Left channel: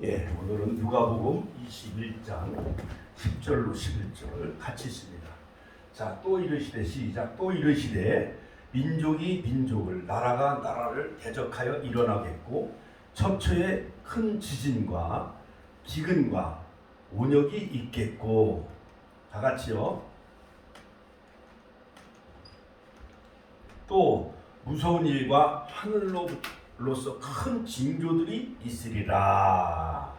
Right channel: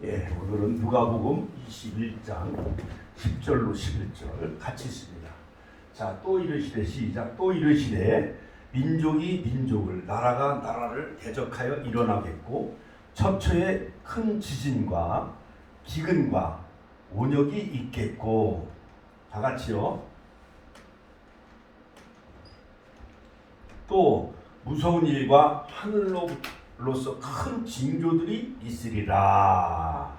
예, 오늘은 누가복음 21장 10절로 11절 같이 있습니다. 자, 또 이르시되 시작. 또 이르시되 민족이 민족을 나라가 나라를 대적하여 일어나겠고 첩초에 큰 지진과 기근과 온역이 있겠고. 다 같이요. 또 무서운 일과 하늘로서 큰 징조들이 있으리라.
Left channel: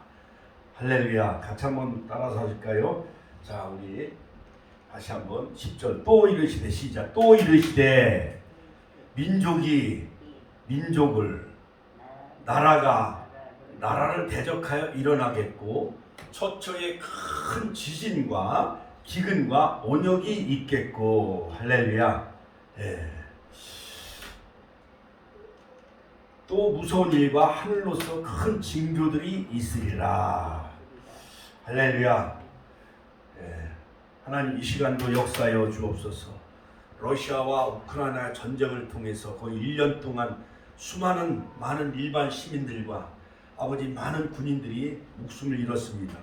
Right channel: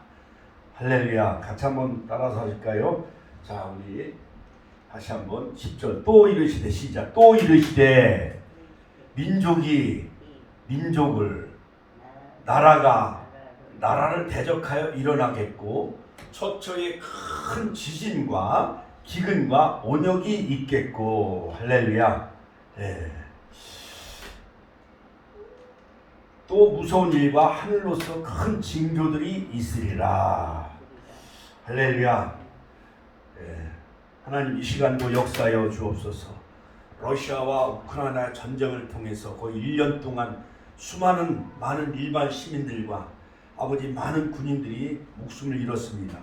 할렐루야. 같이 한번 따라서 하실까요? 자, 우리 다시 한번 10절. 또 이르시되 시작. 또 이르시되 민족이 민족을 나라가 나라를 대적하여 일어나겠고 처처에 큰 지진과 기근과 온역이 있겠고. 할렐루야. 예. 또 무서운 일과 하늘로서 큰 징조들이 있으리라. 할렐루야. 예. 하나님 이 시간도 역사하여 주옵소서. 러시아와 우크라이나 전쟁을 통해서 거의 1년 동안 많은 일반 시민들과 아버지 많은 군인들이 목숨을 잃었습니다.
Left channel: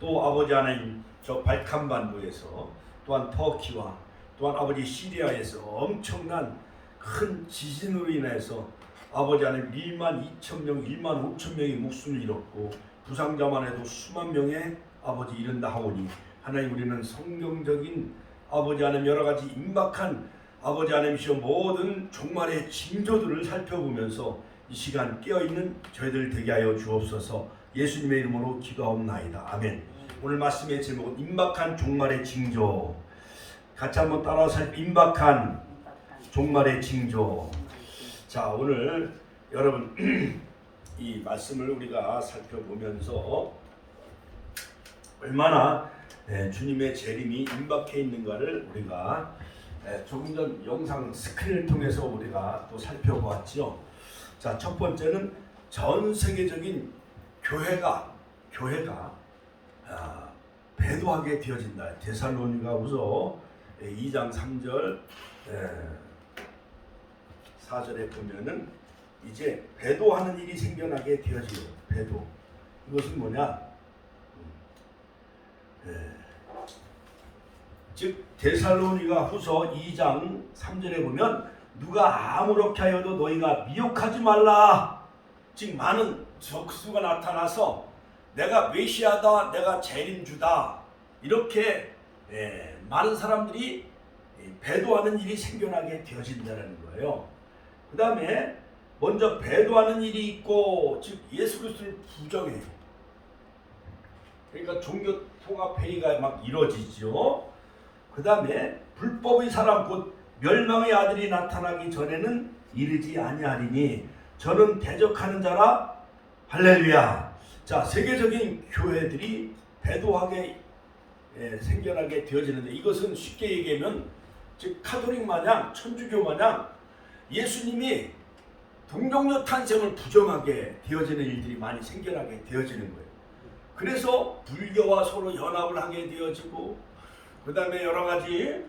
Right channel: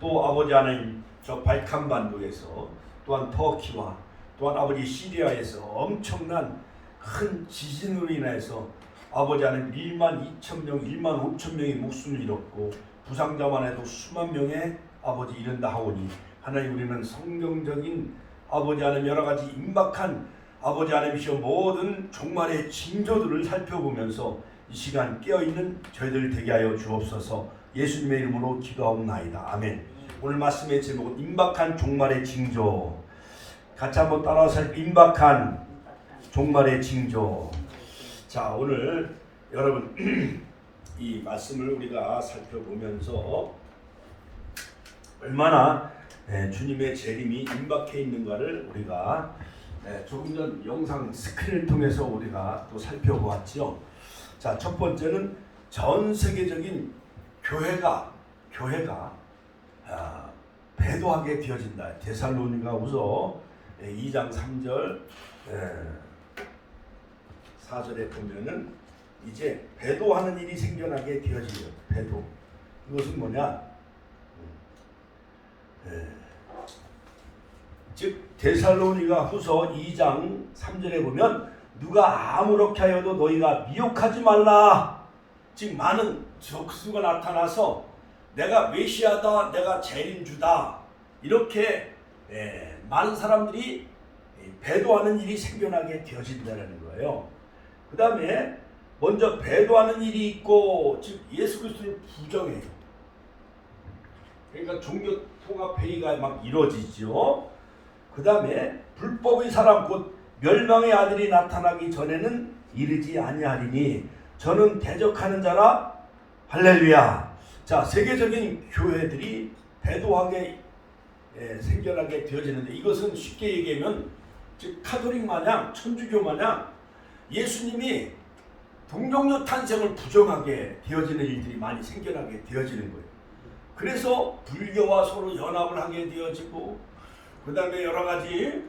또 아버지 하나님 저 발칸반도에서 또한 터키와 또한 아버지 시리아에서 엄청난 큰 지진으로 인해서 아버지 하나님 1만 2천 명, 1만 5천 명이 목숨을 잃었고 부상자만 해도 수만 명의 아버지 이른다 하오니 하나님 우리는 성경적인 아버지 하나님 여러 가지 임박한 아버지 하나님이시여 모든 종말의 징조들을 살펴보면서 이 시간 깨어있는 저희들 되게 하여 주옵소서. 예수님의 이름으로 기도하옵나이다. 아멘. 오늘 말씀의 제목은 임박한 종말의 징조. 같이 한번 따라서 임박한 종말의 징조. 자, 오늘 여러분 이 말씀을 우리가 살펴보면서 얼마나 주님의 재림이 임박해 있는가를 우리가 조금 전 영상 스크린을 통해서 우리가 또 살펴보았죠. 자, 첫 번째는 전 세계적인 교회가 배도하게 되어진다. 데살로니가후서 2장 3절 4절에 보면은 이제 배도하는 일이 생겨나게 되어지요. 배도. 이것은 뭐냐? 즉 데살로니가후서 2장 3절에 보면 누가 아무렇게 하여도 너희가 미혹하지 말라. 즉 많은 적수가 나타나서 내가 메시아다, 내가 재림주다 이렇게 많은 사람들이 배도하는 일이 생겨나게 되어진다는 거예요. 그 다음에 먼저 배도하는 일이 있고 즉 예수 그리스도를 부정해요. 그러니까 종교 통합 회의가 막 이루어지죠. 그 다음에 불법의 사람 곧 멸망의 아들이 나타나기 전에는 이르지 아니하리니 저는 대적하는 자라. 할렐루야. 자, 세계적인 교회들이 배도하게 생겨나게 되어지는데 이것은 쉽게 얘기하면 즉 카톨릭 마냥 천주교 마냥 예수님이 동정녀 탄생을 부정하게 되어지는 일들이 많이 생겨나게 되어지는 거예요. 그래서 불교와 서로 연합을 하게 되어지고 그 다음에 여러 가지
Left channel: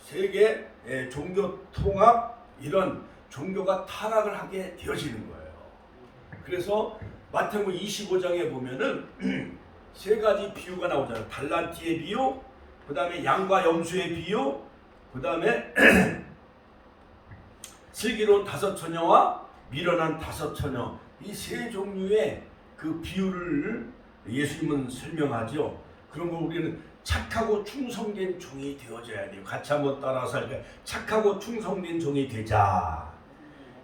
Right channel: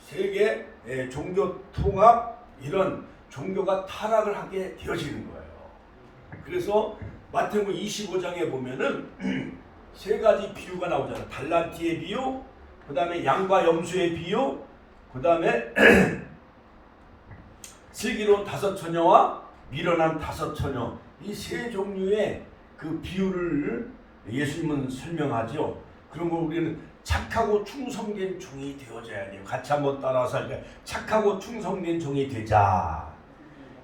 세계 종교 통합 이런 종교가 타락을 하게 되어지는 거예요. 그래서 마태복음 25장에 보면은 세 가지 비유가 나오잖아요. 달란트의 비유, 그 다음에 양과 염소의 비유, 그 다음에 슬기로운 5처녀와 미련한 5처녀 이 세 종류의 그 비유를 예수님은 설명하죠. 그러면 우리는 착하고 충성된 종이 되어져야 돼요. 같이 한번 따라서 할까요? 착하고 충성된 종이 되자.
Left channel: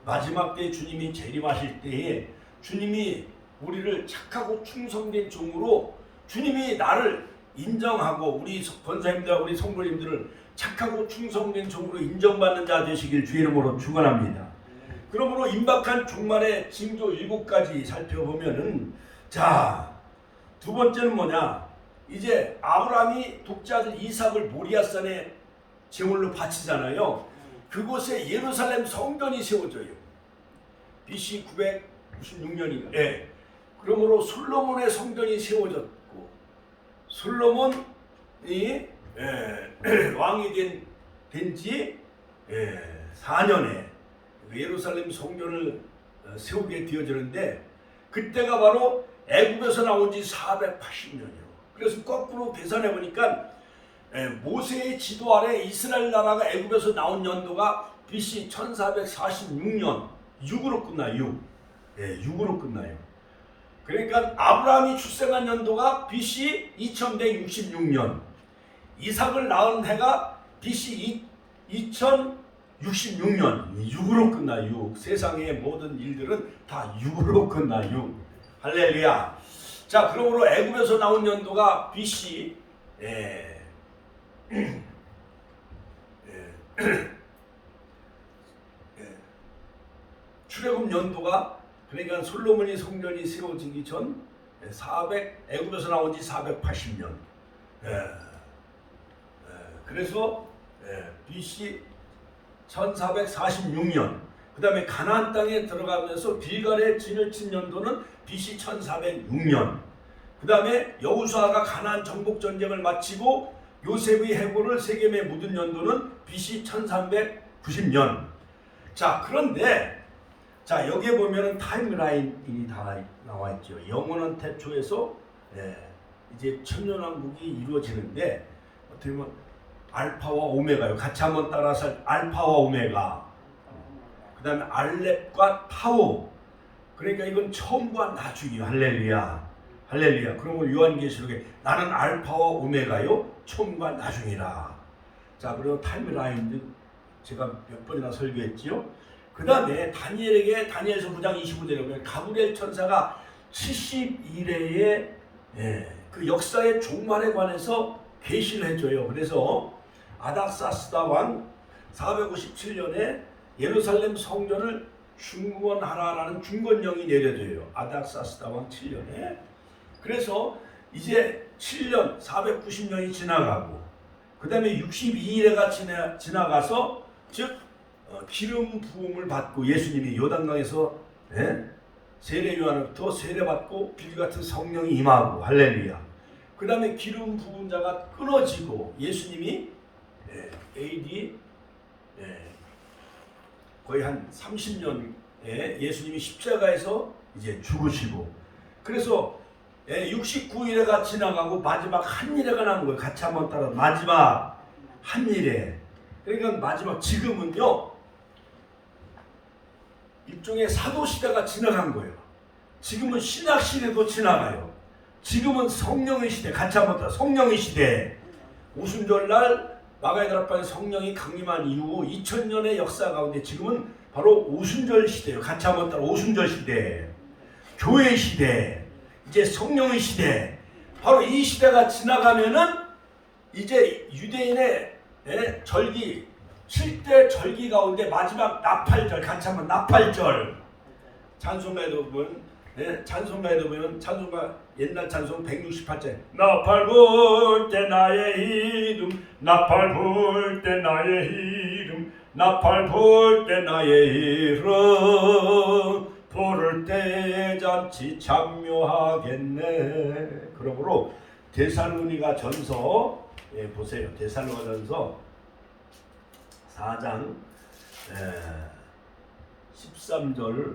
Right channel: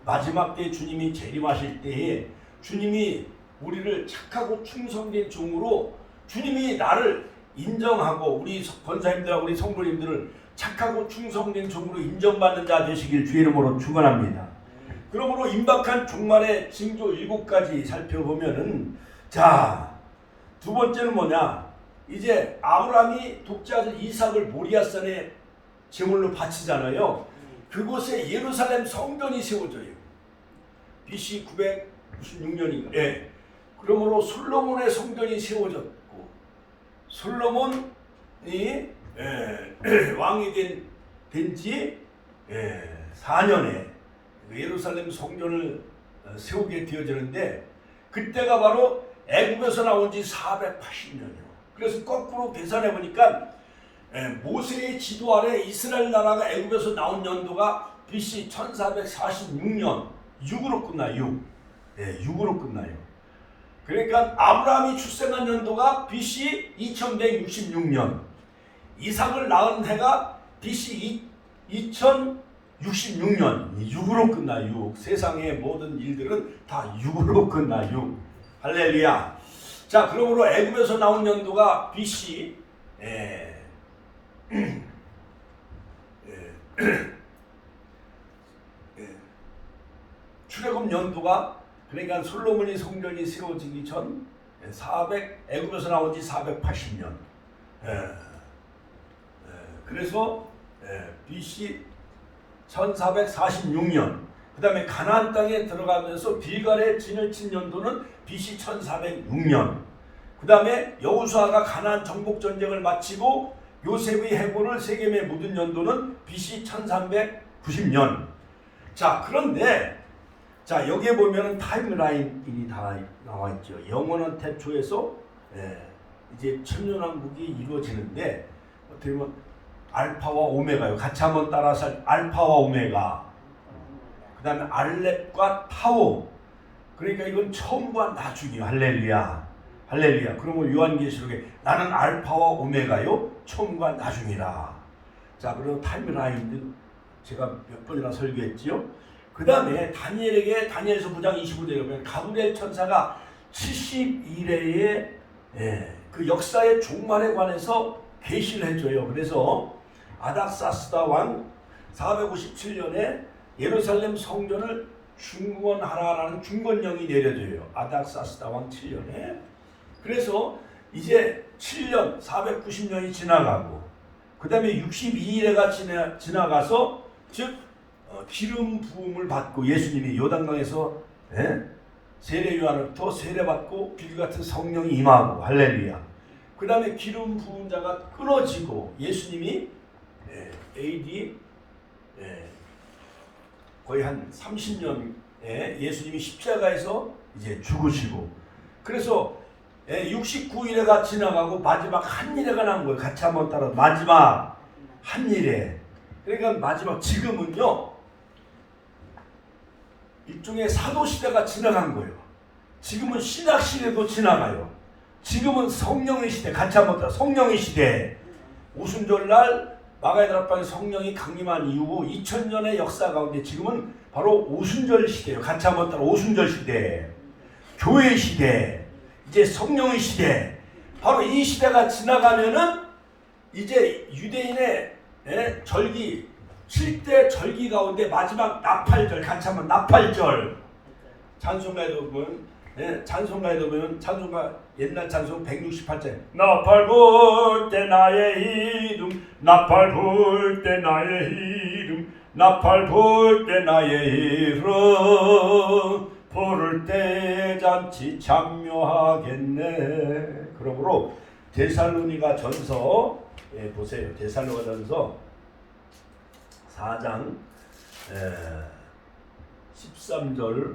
마지막 때 주님이 재림하실 때에 주님이 우리를 착하고 충성된 종으로 주님이 나를 인정하고 우리 권사님들하고 우리 성도님들을 착하고 충성된 종으로 인정받는 자 되시길 주의 이름으로 축원합니다. 그러므로 임박한 종말의 징조 7가지 살펴보면은 자, 두 번째는 뭐냐? 이제 아브라함이 독자들 이삭을 모리아산에 제물로 바치잖아요. 그곳에 예루살렘 성전이 세워져요. BC 996년인가. 그러므로 솔로몬의 성전이 세워졌고 솔로몬이 왕이 된 지 4년에 예루살렘 성전을 세우게 되어지는데 그때가 바로 애굽에서 나온 지 480년이요. 그래서 거꾸로 계산해 보니까 모세의 지도 아래 이스라엘 나라가 애굽에서 나온 연도가 BC 1446년 6으로 끝나요. 6으로 끝나요. 그러니까 아브라함이 출생한 연도가 BC 2166년, 이삭을 낳은 해가 BC 2066년 6으로 끝나요. 세상의 모든 일들은 다 6으로 끝나요. 할렐루야. 자, 그러므로 애굽에서 나온 연도가 BC 출애굽 연도가 그러니까 솔로몬이 성전이 세워지기 전 애굽에서 나온 지 480년. 그래서 BC 1446년. 그 다음에 가나안 땅에 들어가면서 빌갈에 진을 친 연도는 BC 1406년. 그 다음에 여호수아가 가나안 정복 전쟁을 마치고 요셉의 해골을 세겜에 묻은 연도는 BC 1390년. 자, 그런데 자, 여기에 보면은 타임라인이 다 나와 있죠. 영원한 태초에서 이제 천년왕국이 이루어지는데 어떻게 보면 알파와 오메가요. 같이 한번 따라서 알파와 오메가. 그다음에 알렙과 타오. 그러니까 이건 처음과 나중이요. 할렐루야. 할렐루야. 그러면 요한계시록에 나는 알파와 오메가요. 처음과 나중이라. 자, 그리고 타임라인도 제가 몇 번이나 설교했지요. 그 다음에 다니엘에게 다니엘서 9장 25절에 보면 가브리엘 천사가 71회의 그 역사의 종말에 관해서 계시를 해줘요. 그래서 아닥사스다 왕 457년에 예루살렘 성전을 중건하라라는 중건령이 내려져요. 아닥사스다 왕 7년에. 그래서 이제 7년 490년이 지나가고 그 다음에 62일에가 지나가서 즉 기름 부음을 받고 예수님이 요단강에서 세례 요한으로부터 세례받고 빌 같은 성령이 임하고 할렐루야. 그 다음에 기름 부은 자가 끊어지고 예수님이 AD 거의 한 30년에 예수님이 십자가에서 이제 죽으시고 그래서 69일에가 지나가고 마지막 한 일회가 난 거예요. 같이 한번 따라 마지막 한 일회. 그러니까 마지막 지금은요 일종의 사도시대가 지나간 거예요. 지금은 신약시대도 지나가요. 지금은 성령의 시대. 같이 한번 따라 성령의 시대. 오순절날 마가다락방에 성령이 강림한 이후 2000년의 역사 가운데 지금은 바로 오순절 시대예요. 같이 한번 따라 오순절 시대. 교회 시대. 이제 성령의 시대. 바로 이 시대가 지나가면은 이제 유대인의 절기 7대 절기 가운데 마지막 나팔절. 같이 한번 나팔절. 찬송가에도 보면 찬송가에도 보면 찬송가 옛날 찬송 168절 나팔 불 때 나의 이름 나팔 불 때 나의 이름 나팔 불 때 나의 이름 부를 때 잔치 참여하겠네. 그러므로 데살로니가 전서 보세요. 데살로니가 전서 4장 13절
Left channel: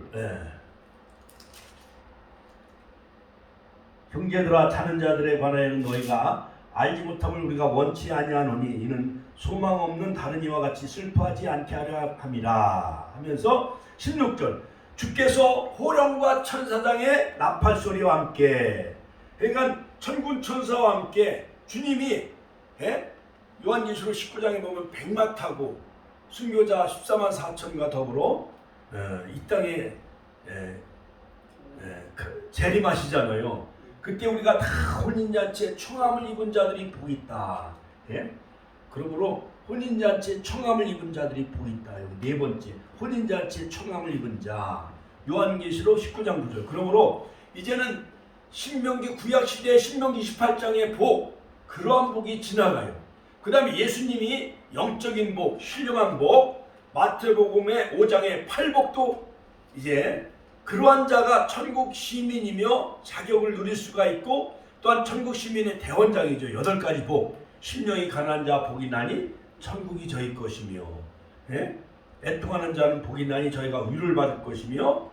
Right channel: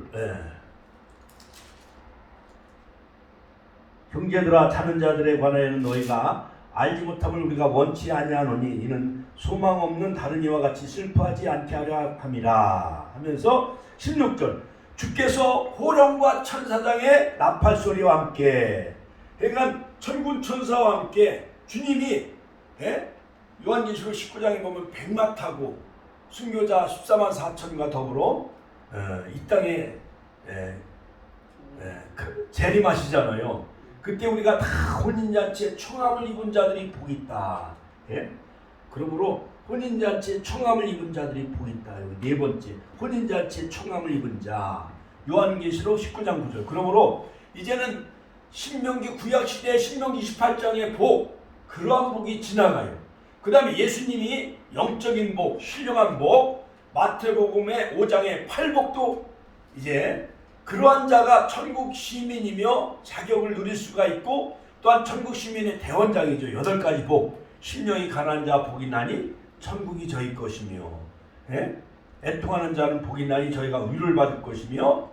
형제들아 자는 자들에 관하여는 너희가 알지 못함을 우리가 원치 아니하노니 이는 소망 없는 다른 이와 같이 슬퍼하지 않게 하려 함이라 하면서 16절 주께서 호령과 천사장의 나팔 소리와 함께 그러니까 천군 천사와 함께 주님이 요한계시록 19장에 보면 백마 타고 순교자 14만 4천과 더불어 이 땅에 재림하시잖아요. 그때 우리가 다 혼인잔치에 총함을 입은 자들이 복이 있다. 그러므로 혼인잔치에 총함을 입은 자들이 복이 있다. 네 번째 혼인잔치에 총함을 입은 자 요한계시록 19장 9절. 그러므로 이제는 신명기 구약시대 신명기 28장의 복 그러한 복이 지나가요. 그 다음에 예수님이 영적인 복, 신령한 복, 마태복음의 5장의 팔복도 이제 그러한 자가 천국 시민이며 자격을 누릴 수가 있고 또한 천국 시민의 대원장이죠. 8가지 복. 심령이 가난한 자 복이 나니 천국이 저희 것이며 애통하는 자는 복이 나니 저희가 위를 받을 것이며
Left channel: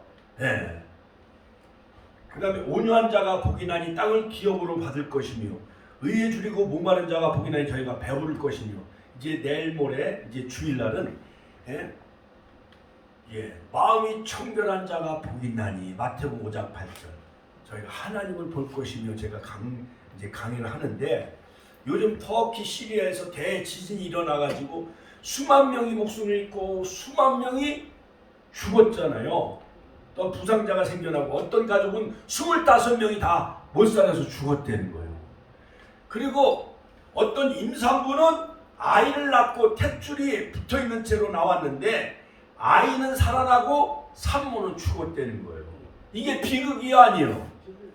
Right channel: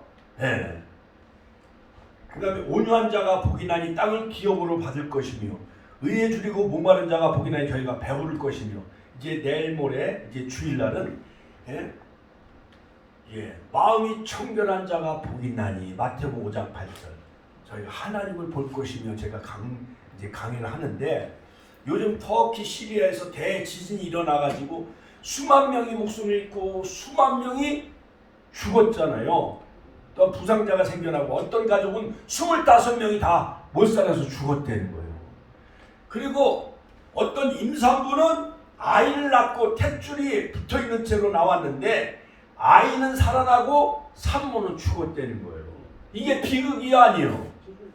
그 다음에 온유한 자가 복이 나니 땅을 기업으로 받을 것이며 의에 줄이고 목마른 자가 복이 나니 저희가 배부를 것이며 이제 내일 모레 이제 주일날은 마음이 청결한 자가 복이 나니 마태복음 5장 8절 저희가 하나님을 볼 것이며 제가 이제 강의를 하는데 요즘 터키 시리아에서 대지진이 일어나가지고 수만 명이 목숨을 잃고 수만 명이 죽었잖아요. 또 부상자가 생겨나고 어떤 가족은 25명이 다 못 살아서 죽었다는 거예요. 그리고 어떤 임산부는 아이를 낳고 탯줄이 붙어있는 채로 나왔는데 아이는 살아나고 산모는 죽었다는 거예요. 이게 비극이 아니에요.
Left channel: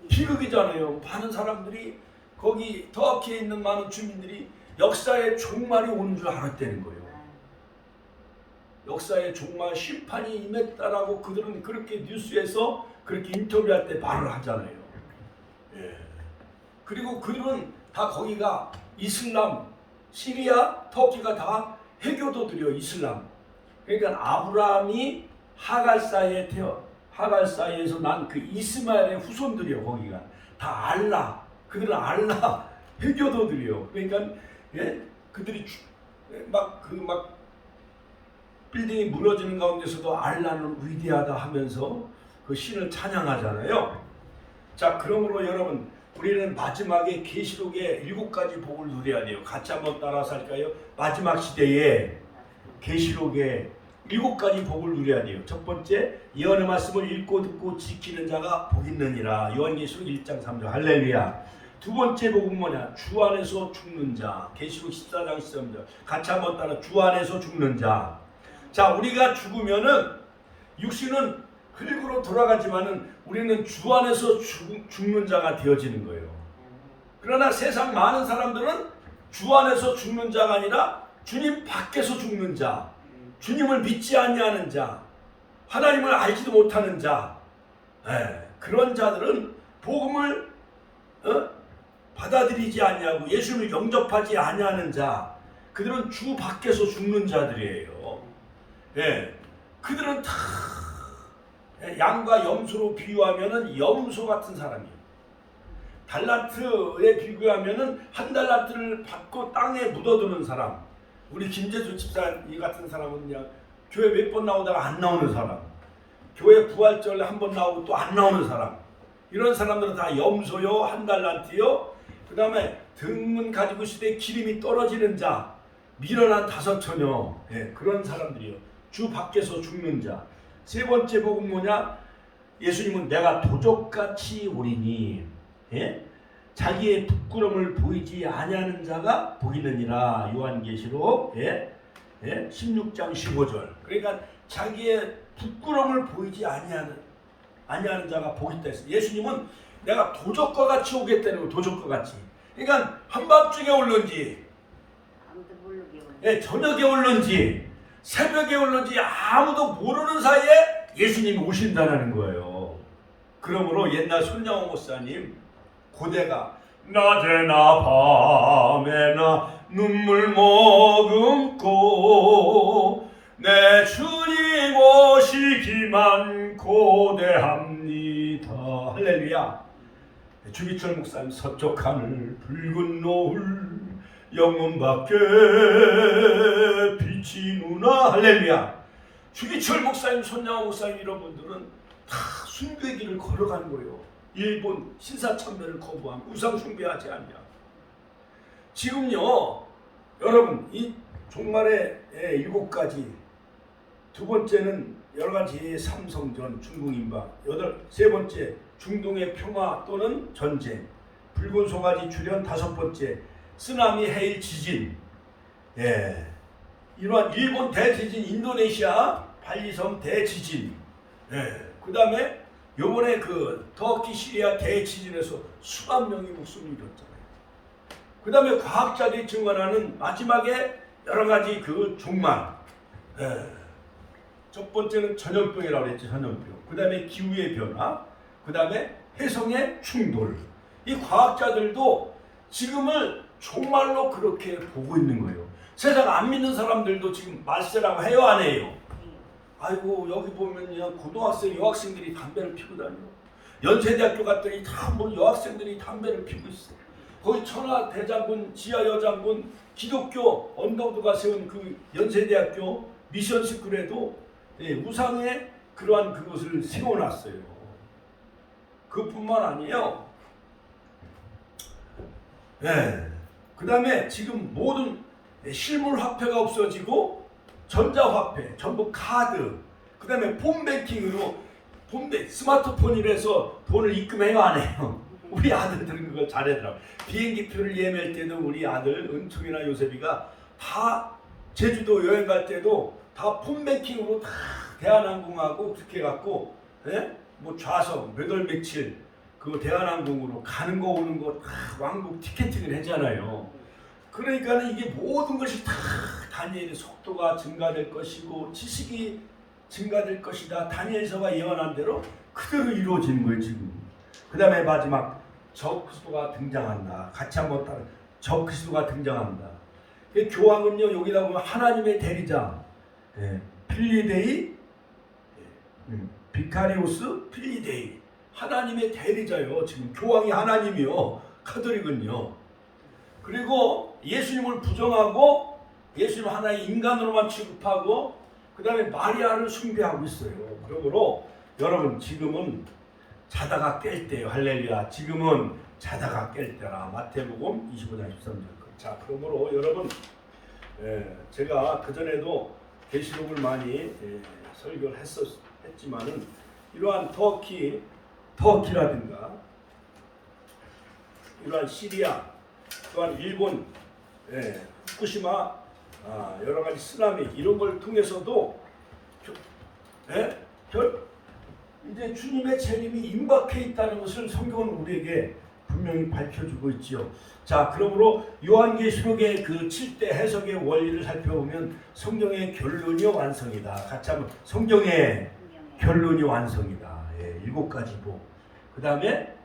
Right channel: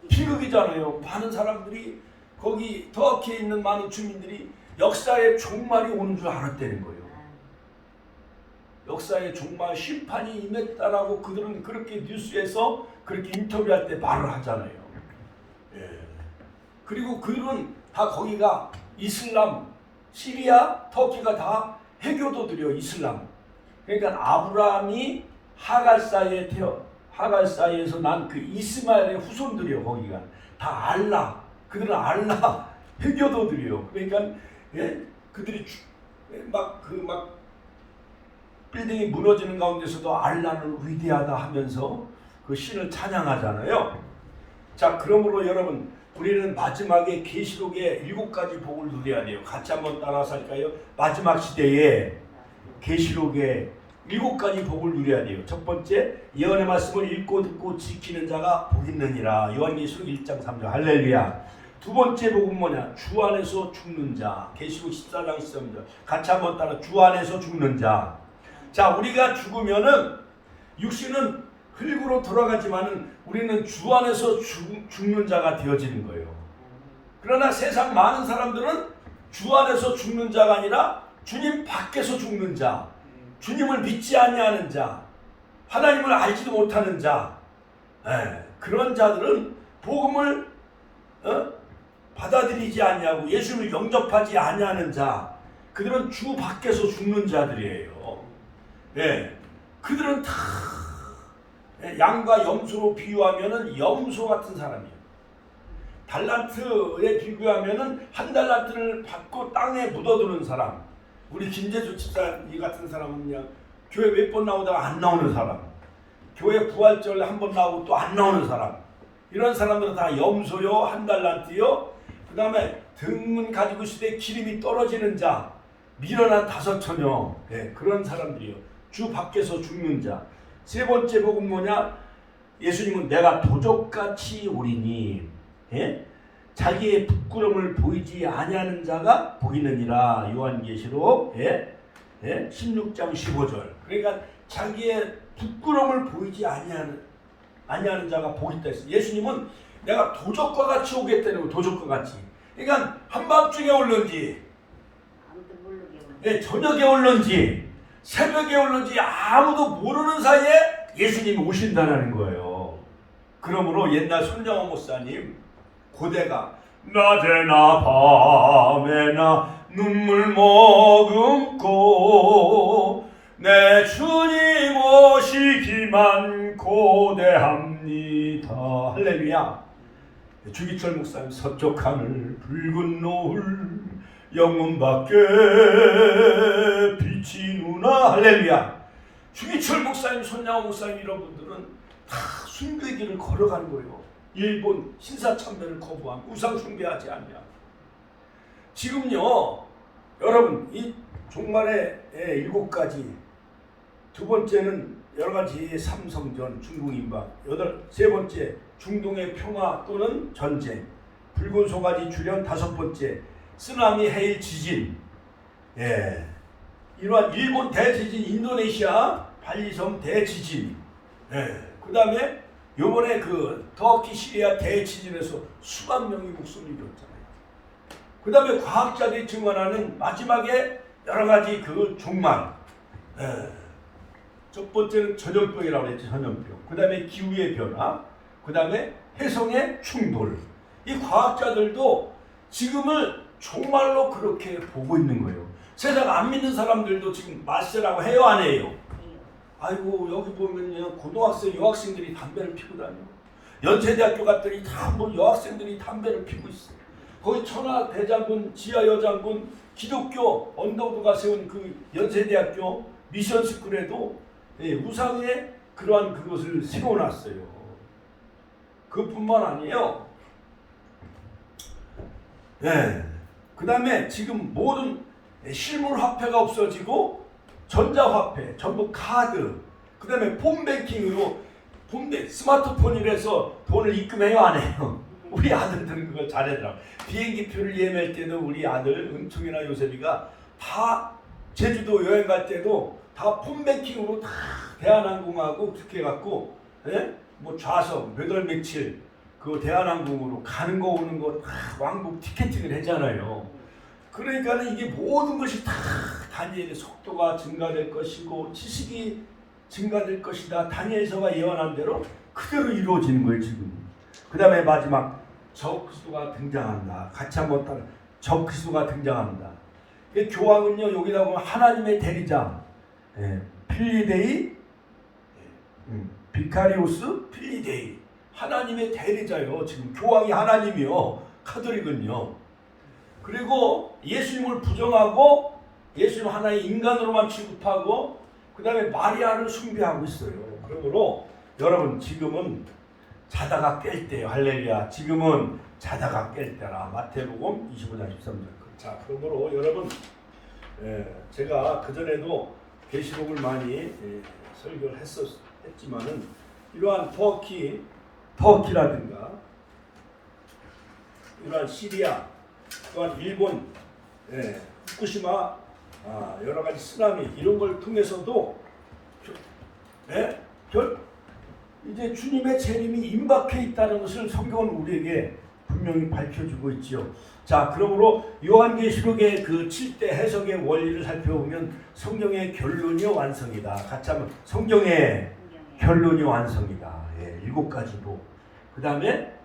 비극이잖아요. 많은 사람들이 거기 터키에 있는 많은 주민들이 역사의 종말이 오는 줄 알았다는 거예요. 역사의 종말 심판이 임했다라고 그들은 그렇게 뉴스에서 그렇게 인터뷰할 때 말을 하잖아요. 그리고 그들은 다 거기가 이슬람, 시리아, 터키가 다 해교도들이요. 이슬람. 그러니까 아브라함이 하갈 사이에서 난 그 이스마엘의 후손들이요. 거기가 다 알라. 그들은 알라 해교도들이요. 그러니까 그들이 막 빌딩이 무너지는 가운데서도 알라는 위대하다 하면서 그 신을 찬양하잖아요. 자, 그러므로 여러분 우리는 마지막에 계시록의 7가지 복을 누려야 돼요. 같이 한번 따라서 할까요? 마지막 시대에 계시록의 7가지 복을 누려야 돼요. 첫 번째, 예언의 말씀을 읽고 듣고 지키는 자가 복 있느니라. 요한계시록 1장 3절 할렐루야. 두 번째 복은 뭐냐? 주 안에서 죽는 자. 계시록 14장 13절. 같이 한번 따라 주 안에서 죽는 자. 자, 우리가 죽으면은 육신은 흙으로 돌아가지만은 우리는 주 안에서 죽는 자가 되어지는 거예요. 그러나 세상 많은 사람들은 주 안에서 죽는 자가 아니라 주님 밖에서 죽는 자, 주님을 믿지 아니하는 자, 하나님을 알지도 못하는 자, 그런 자들은 복음을 받아들이지 아니하고 예수님을 영접하지 아니하는 자, 그들은 주 밖에서 죽는 자들이에요. 그들은 다 양과 염소로 비유하면은 염소 같은 사람이에요. 달란트에 비교하면은 한 달란트를 받고 땅에 묻어두는 사람. 우리 김재주 집사님 같은 사람은 그냥 교회 몇 번 나오다가 안 나오는 사람. 교회 부활절 한 번 나오고 또 안 나오는 사람. 이런 사람들은 다 염소요, 한 달란트요. 그 다음에 등은 가지고 있을 때 기름이 떨어지는 자, 미련한 5처녀. 그런 사람들이요. 주 밖에서 죽는 자. 세 번째 복은 뭐냐? 예수님은 내가 도적같이 오리니 자기의 부끄러움을 보이지 아니하는 자가 복 있느니라. 요한계시록 16장 15절. 그러니까 자기의 부끄러움을 보이지 아니하는 자가 복 있다 했어요. 예수님은 내가 도적과 같이 오겠다는 거예요. 도적과 같이. 그러니까 한밤중에 올는지 저녁에 올는지 새벽에 올는지 아무도 모르는 사이에 예수님이 오신다는 거예요. 그러므로 옛날 손양호 목사님 고대가 낮에나 밤에나 눈물 머금고 내 주님 오시기만 고대합니다. 할렐루야. 주기철 목사님 서쪽 하늘 붉은 노을 영문 밖에 비치누나. 할렐루야. 주기철 목사님, 손양호 목사님 이런 분들은 다 순교의 길을 걸어가는 거예요. 일본 신사참배를 거부하고 우상 숭배하지 않냐. 지금요 여러분 이 종말의 7가지, 두 번째는 여러가지 삼성전 중국인방, 세 번째 중동의 평화 또는 전쟁, 붉은 송아지 출현, 5번째 쓰나미, 해일, 지진. 이러한 일본 대지진, 인도네시아 발리섬 대지진. 그 다음에 요번에 그 터키 시리아 대지진에서 수만 명이 목숨을 잃었잖아요. 그 다음에 과학자들이 증언하는 마지막에 여러가지 그 종말. 첫 번째는 전염병이라고 했죠. 전염병. 그 다음에 기후의 변화. 그 다음에 해성의 충돌. 이 과학자들도 지금을 종말로 그렇게 보고 있는 거예요. 세상 안 믿는 사람들도 지금 말세라고 해요, 안 해요? 아이고 여기 보면요 고등학생 여학생들이 담배를 피고 다녀. 연세대학교 갔더니 다 뭐 여학생들이 담배를 피우고 있어. 거기 천하대장군, 지하여장군, 기독교 언더우드가 세운 그 연세대학교 미션스쿨에도 우상에 그러한 그것을 세워놨어요. 그뿐만 아니에요. 그 다음에 지금 모든 실물화폐가 없어지고 전자화폐, 전부 카드, 그 다음에 폰뱅킹으로 스마트폰이라서 돈을 입금해요, 안 해요? 우리 아들들은 그걸 잘하더라고. 비행기표를 예매할 때도 우리 아들 은총이나 요셉이가 다 제주도 여행 갈 때도 다 폰뱅킹으로 다 대한항공하고 그렇게 해갖고 뭐 좌석 몇 월 며칠 그 대한항공으로 가는 거 오는 거 왕복 티켓팅을 했잖아요. 그러니까 이게 모든 것이 다 다니엘의 속도가 증가될 것이고 지식이 증가될 것이다. 다니엘서가 예언한 대로 그대로 이루어지는 거예요 지금. 그 다음에 마지막 적그리스도가 등장한다. 같이 한번 따라 적그리스도가 등장한다. 교황은요 여기다 보면 하나님의 대리자 필리데이 비카리우스 필리데이 하나님의 대리자요. 지금 교황이 하나님이요. 카톨릭은요. 그리고 예수님을 부정하고 예수님 하나의 인간으로만 취급하고 그 다음에 마리아를 숭배하고 있어요. 그러므로 여러분 지금은 자다가 깰 때요. 할렐루야. 지금은 자다가 깰 때라. 마태복음 25장 13절. 자, 그러므로 여러분 제가 그전에도 계시록을 많이 설교를 했지만은 이러한 터키라든가 이러한 시리아 또한 일본 후쿠시마 여러 가지 쓰나미 이런 걸 통해서도 이제 주님의 재림이 임박해 있다는 것을 성경은 우리에게 분명히 밝혀주고 있죠. 자, 그러므로 요한계시록의 그 7대 해석의 원리를 살펴보면 성경의 결론이 완성이다. 같이 한번 성경의 결론이 완성이다. 7가지고 그 다음에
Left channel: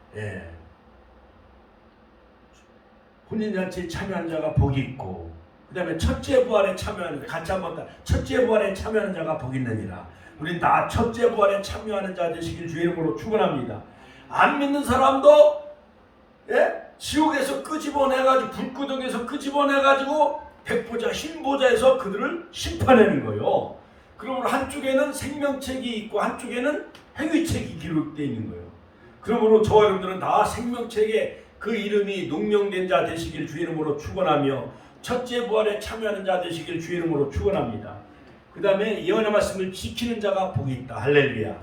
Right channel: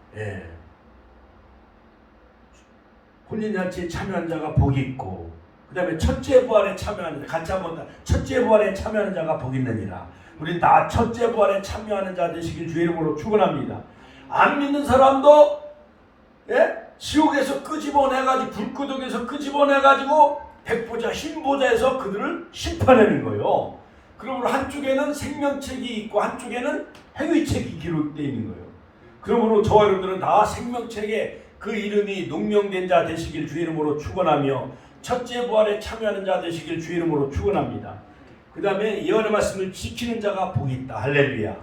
혼인잔치에 참여한 자가 복이 있고 그 다음에 첫째 부활에 참여하는 자 같이 한번 첫째 부활에 참여하는 자가 복이 있느니라. 우린 다 첫째 부활에 참여하는 자 되시길 주의 이름으로 축원합니다. 안 믿는 사람도 지옥에서 끄집어내가지고 불구덩에서 끄집어내가지고 백보자 흰보자에서 그들을 심판하는 거예요. 그러므로 한쪽에는 생명책이 있고 한쪽에는 행위책이 기록되어 있는 거예요. 그러므로 저와 여러분들은 다 생명책에 그 이름이 농명된 자 되시길 주의 이름으로 축원하며 첫째 부활에 참여하는 자 되시길 주의 이름으로 축원합니다. 그 다음에 예언의 말씀을 지키는 자가 복이 있다. 할렐루야.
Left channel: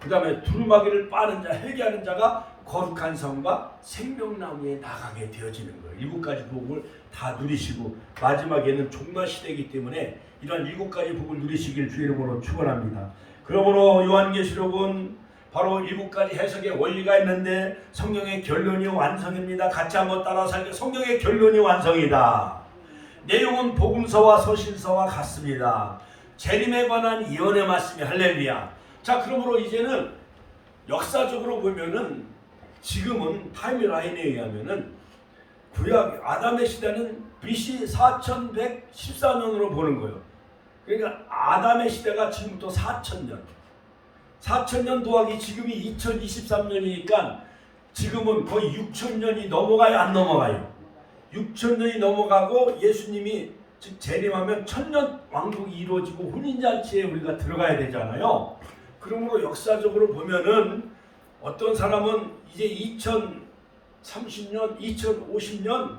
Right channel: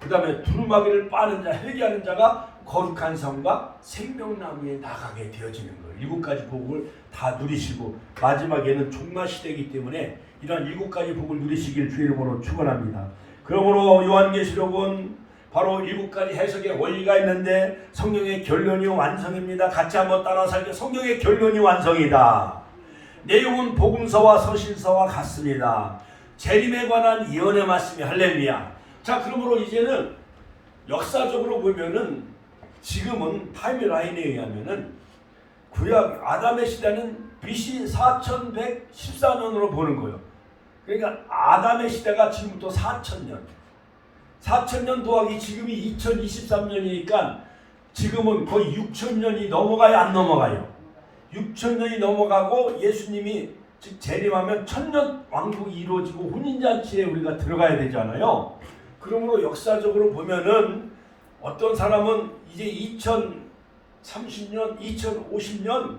그 다음에 두루마기를 빠는 자, 회개하는 자가 거룩한 성과 생명나무에 나가게 되어지는 거예요. 7가지 복을 다 누리시고 마지막에는 종말 시대이기 때문에 이러한 7가지 복을 누리시길 주의 이름으로 축원합니다. 그러므로 요한계시록은 바로 7가지 해석의 원리가 있는데 성경의 결론이 완성입니다. 같이 한번 따라서 할게요. 성경의 결론이 완성이다. 내용은 복음서와 서신서와 같습니다. 재림에 관한 예언의 말씀이 할렐루야. 자, 그러므로 이제는 역사적으로 보면은 지금은 타임라인에 의하면은 구약 아담의 시대는 BC 4114년으로 보는 거예요. 그러니까 아담의 시대가 지금부터 4000년. 4000년 더하기 지금이 2023년이니까 지금은 거의 6000년이 넘어가요, 안 넘어가요? 6000년이 넘어가고 예수님이 즉 재림하면 1000년 왕국이 이루어지고 혼인잔치에 우리가 들어가야 되잖아요. 그러므로 역사적으로 보면은 어떤 사람은 이제 2030년, 2050년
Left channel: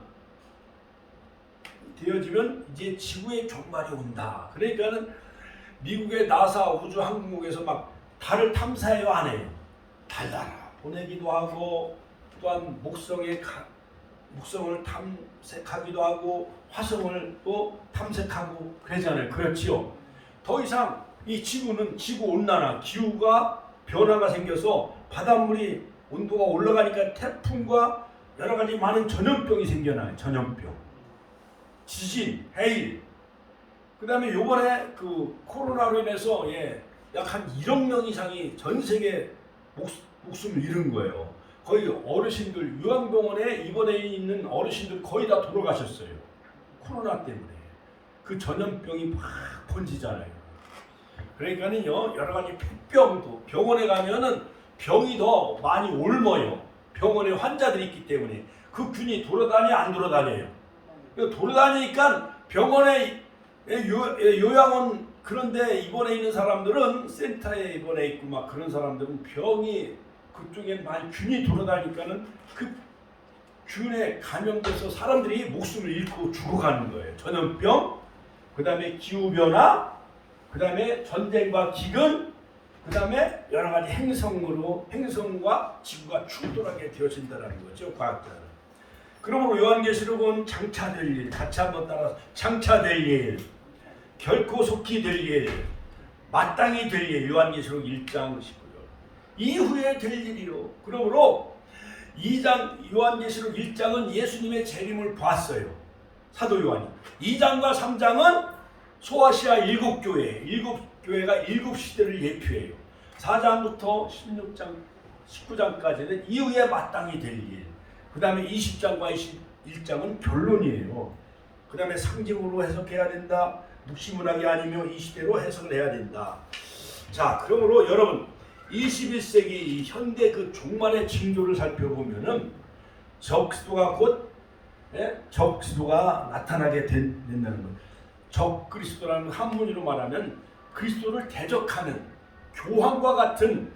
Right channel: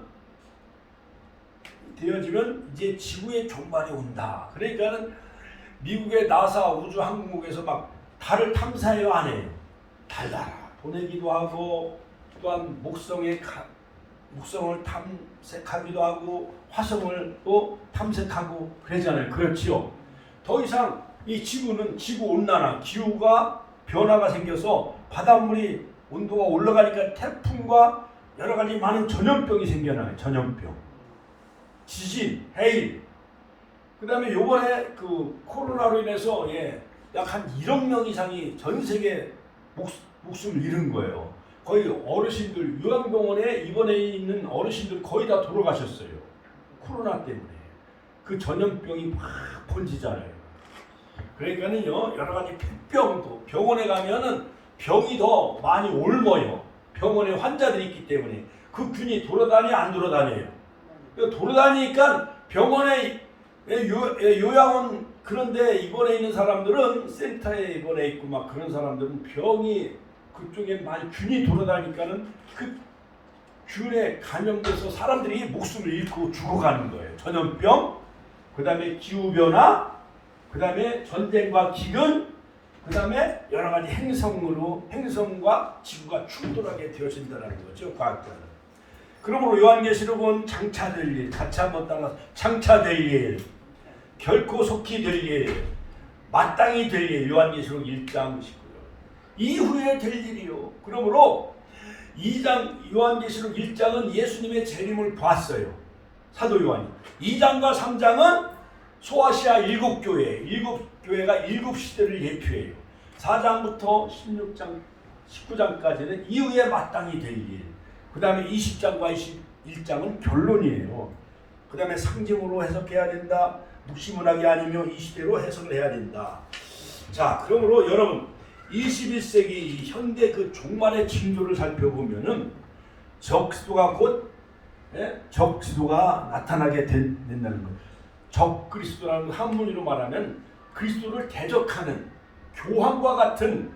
되어지면 이제 지구의 종말이 온다. 그러니까는 미국의 나사 우주항공국에서 막 달을 탐사해요, 안 해요? 달 보내기도 하고 또한 목성을 탐색하기도 하고 화성을 또 탐색하고 그러잖아요. 그렇지요. 더 이상 이 지구는 지구 온난화, 기후가 변화가 생겨서 바닷물이 온도가 올라가니까 태풍과 여러 가지 많은 전염병이 생겨나요. 전염병, 지진, 해일. 그다음에 요번에 그 코로나로 인해서 약 한 1억 명 이상이 전 세계 목숨을 잃은 거예요. 거의 어르신들 요양병원에 입원해 있는 어르신들 거의 다 돌아가셨어요. 코로나 때문에. 그 전염병이 막 번지잖아요. 그러니까는요 여러 가지 병도 병원에 가면은 병이 더 많이 옮아요. 병원에 환자들이 있기 때문에. 그 균이 돌아다니 안 돌아다녀요. 돌아다니니까 병원에 요양원 그런데 입원해 있는 사람들은 센터에 입원해 있고 막 그런 사람들은 병이 그쪽에 많이 균이 돌아다니까는 그 균에 감염돼서 사람들이 목숨을 잃고 죽어가는 거예요. 전염병, 그 다음에 기후변화, 그 다음에 전쟁과 기근, 그 다음에 여러 가지 행성과 지구가 충돌하게 되어진다는 거죠. 과학자는. 그러므로 요한계시록은 장차될 일, 같이 한번 따라서 장차될 일, 결코 속히 될 일, 마땅히 될 일, 요한계시록 1장 19절. 이후에 될 일이요. 그러므로 2장 요한계시록 1장은 예수님의 재림을 봤어요. 사도 요한이. 2장과 3장은 소아시아 7교회가 7시대를 예표해요. 4장부터 16장, 19장까지는 이후에 마땅히 될 일. 그 다음에 20장과 21장은 결론이에요. 그 다음에 상징으로 해석해야 된다. 묵시문학이 아니면 이 시대로 해석을 해야 된다. 자, 그러므로 여러분 21세기 현대 그 종말의 징조를 살펴보면은 적그리스도가 곧 적그리스도가 나타나게 된다는 거예요. 적그리스도라는 한문으로 말하면 그리스도를 대적하는 교황과 같은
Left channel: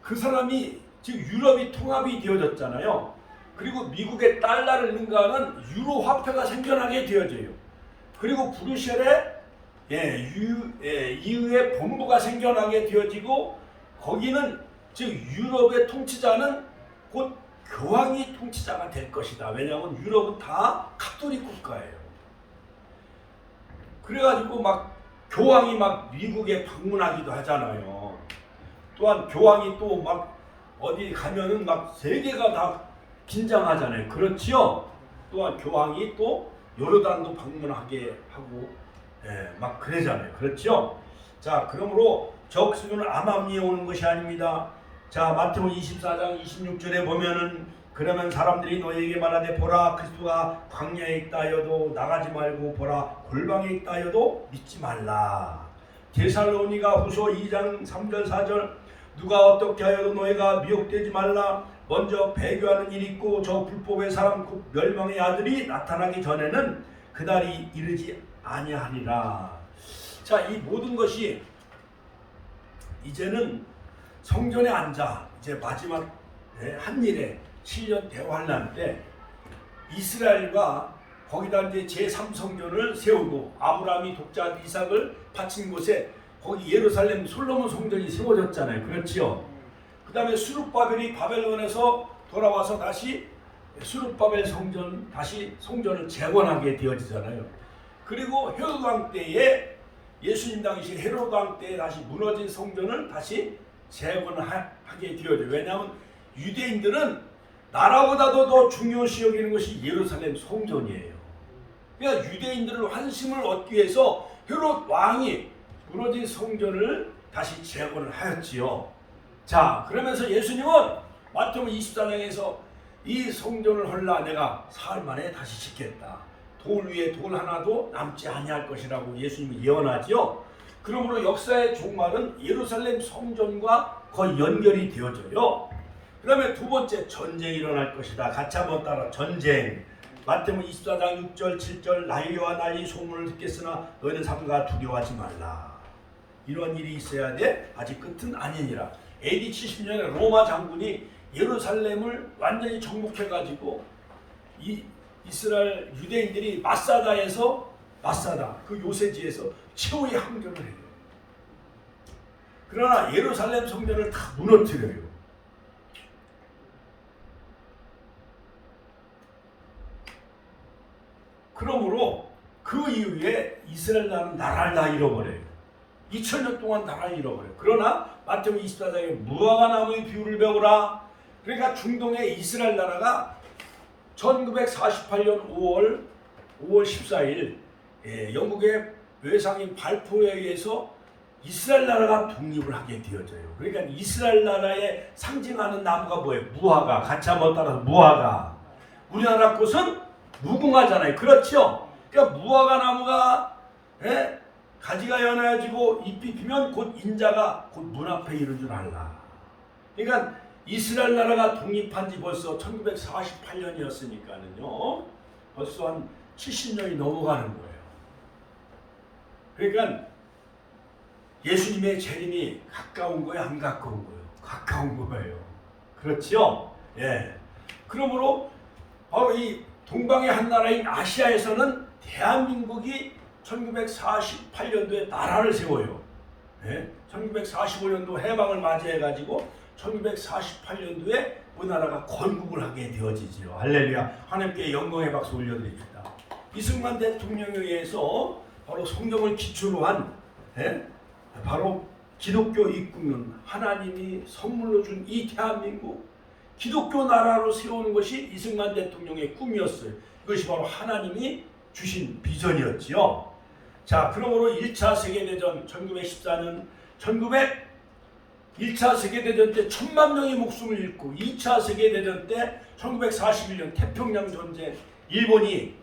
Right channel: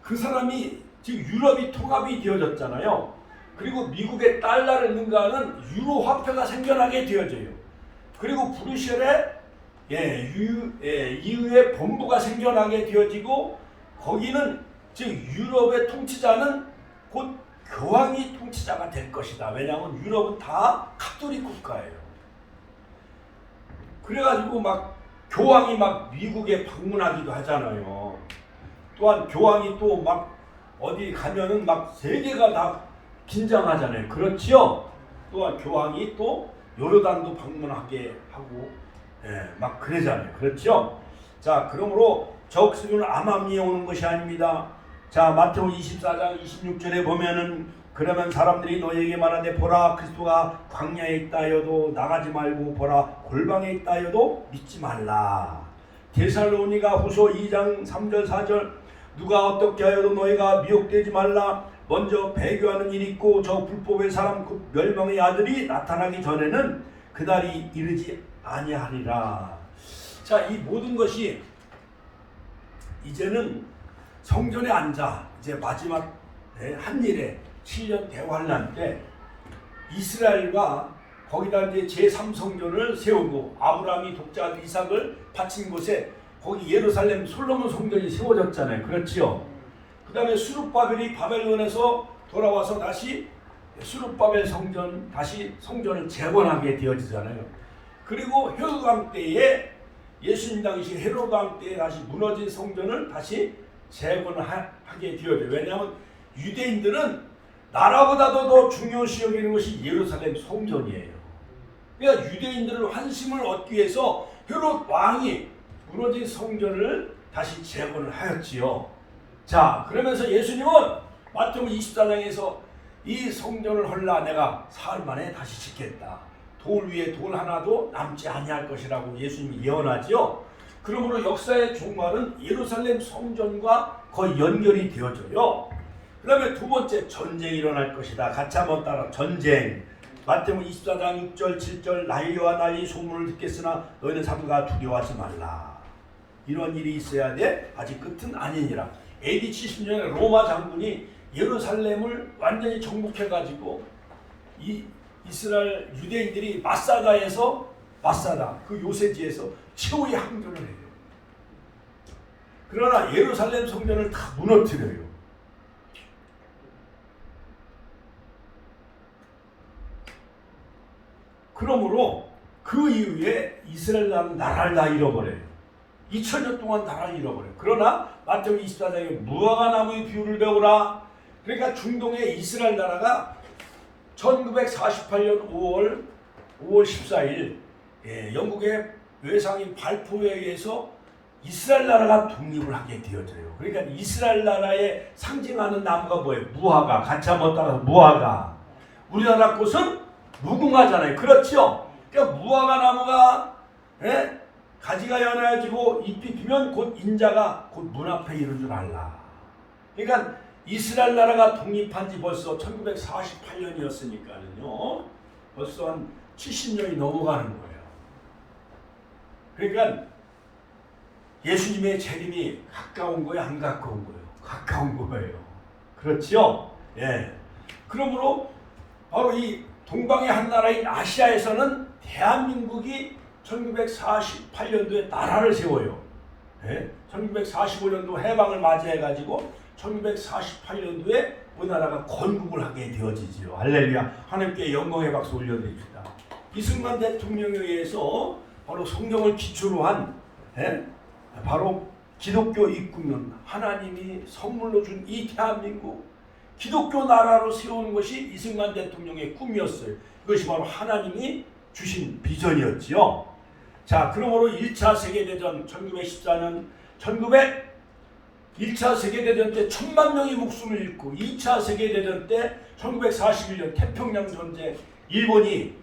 그 사람이 지금 유럽이 통합이 되어졌잖아요. 그리고 미국의 달러를 능가하는 유로 화폐가 생겨나게 되어져요. 그리고 브뤼셀에 EU의 본부가 생겨나게 되어지고 거기는 즉 유럽의 통치자는 곧 교황이 통치자가 될 것이다. 왜냐하면 유럽은 다 카톨릭 국가예요. 그래가지고 막 교황이 막 미국에 방문하기도 하잖아요. 또한 교황이 또 막 어디 가면은 막 세계가 다 긴장하잖아요. 그렇지요? 또한 교황이 또 요르단도 방문하게 하고 막 그러잖아요. 그렇죠? 자, 그러므로 적그리스도는 암암리에 오는 것이 아닙니다. 자, 마태복음 24장 26절에 보면은 그러면 사람들이 너에게 말하되 보라 그리스도가 광야에 있다 하여도 나가지 말고 보라 골방에 있다 하여도 믿지 말라. 데살로니가 후서 2장 3절 4절 누가 어떻게 하여도 너희가 미혹되지 말라. 먼저 배교하는 일이 있고 저 불법의 사람 곧 멸망의 아들이 나타나기 전에는 그날이 이르지 아니하리라. 자, 이 모든 것이 이제는 성전에 앉아 이제 마지막 한일에 7년 대환란 때 이스라엘과 거기다 이제 제3성전을 세우고 아브라함이 독자 이삭을 바친 곳에 거기 예루살렘 솔로몬 성전이 세워졌잖아요. 그렇지요? 그 다음에 수룹바벨이 바벨론에서 돌아와서 다시 수룹바벨 성전 다시 성전을 재건하게 되어지잖아요. 그리고 헤로드 왕 때에 예수님 당시 헤로드 왕 때에 다시 무너진 성전을 다시 재건하게 되어져요. 왜냐하면 유대인들은 나라보다도 더 중요시 여기는 것이 예루살렘 성전이에요. 그러니까 유대인들을 환심을 얻기 위해서 헤롯 왕이 무너진 성전을 다시 재건을 하였지요. 자, 그러면서 예수님은 마태복음 24장에서 이 성전을 헐라 내가 사흘 만에 다시 짓겠다. 돌 위에 돌 하나도 남지 아니할 것이라고 예수님이 예언하지요. 그러므로 역사의 종말은 예루살렘 성전과 거의 연결이 되어져요. 그 다음에 두 번째 전쟁이 일어날 것이다. 같이 한번 따라 전쟁. 마태복음 24장 6절 7절 난리와 난리 소문을 듣겠으나 너희는 삼가 두려워하지 말라. 이런 일이 있어야 돼. 아직 끝은 아니니라. AD 70년에 로마 장군이 예루살렘을 완전히 정복해가지고 이 이스라엘 유대인들이 마사다 그 요새지에서 최후의 항전을 해요. 그러나 예루살렘 성전을 다 무너뜨려요. 그러므로 그 이후에 이스라엘 나라를 다 잃어버려요. 2000년 동안 나라를 잃어버려요. 그러나 마태복음 24장에 무화과 나무의 비유를 배우라. 그러니까 중동의 이스라엘 나라가 1948년 5월 14일 영국의 외상인 발포에 의해서 이스라엘 나라가 독립을 하게 되어져요. 그러니까 이스라엘 나라에 상징하는 나무가 뭐예요? 무화과. 같이 한번 따라서 무화과. 우리나라 꽃은 무궁화잖아요. 그렇죠? 그러니까 무화과 나무가 가지가 연해지고 잎이 피면 곧 인자가 곧 문 앞에 이른 줄 알라. 그러니까 이스라엘 나라가 독립한 지 벌써 1948년이었으니까는요. 벌써 한 70년이 넘어가는 거예요. 그러니까 예수님의 재림이 가까운 거예요, 안 가까운 거예요? 가까운 거예요. 그렇죠? 예. 그러므로 바로 이 동방의 한 나라인 아시아에서는 대한민국이 1948년도에 나라를 세워요. 예? 1945년도 해방을 맞이해가지고 1948년도에 우리나라가 건국을 하게 되어지지요. 할렐루야. 하나님께 영광의 박수 올려드립시다. 이승만 대통령에 의해서 바로 성경을 기초로 한 바로 기독교 입국론, 하나님이 선물로 준 이 대한민국 기독교 나라로 세우는 것이 이승만 대통령의 꿈이었어요. 이것이 바로 하나님이 주신 비전이었지요. 자, 그러므로 1차 세계대전 1914년 1차 세계대전 때 1000만 명의 목숨을 잃고 2차 세계대전 때 1941년 태평양 전쟁 일본이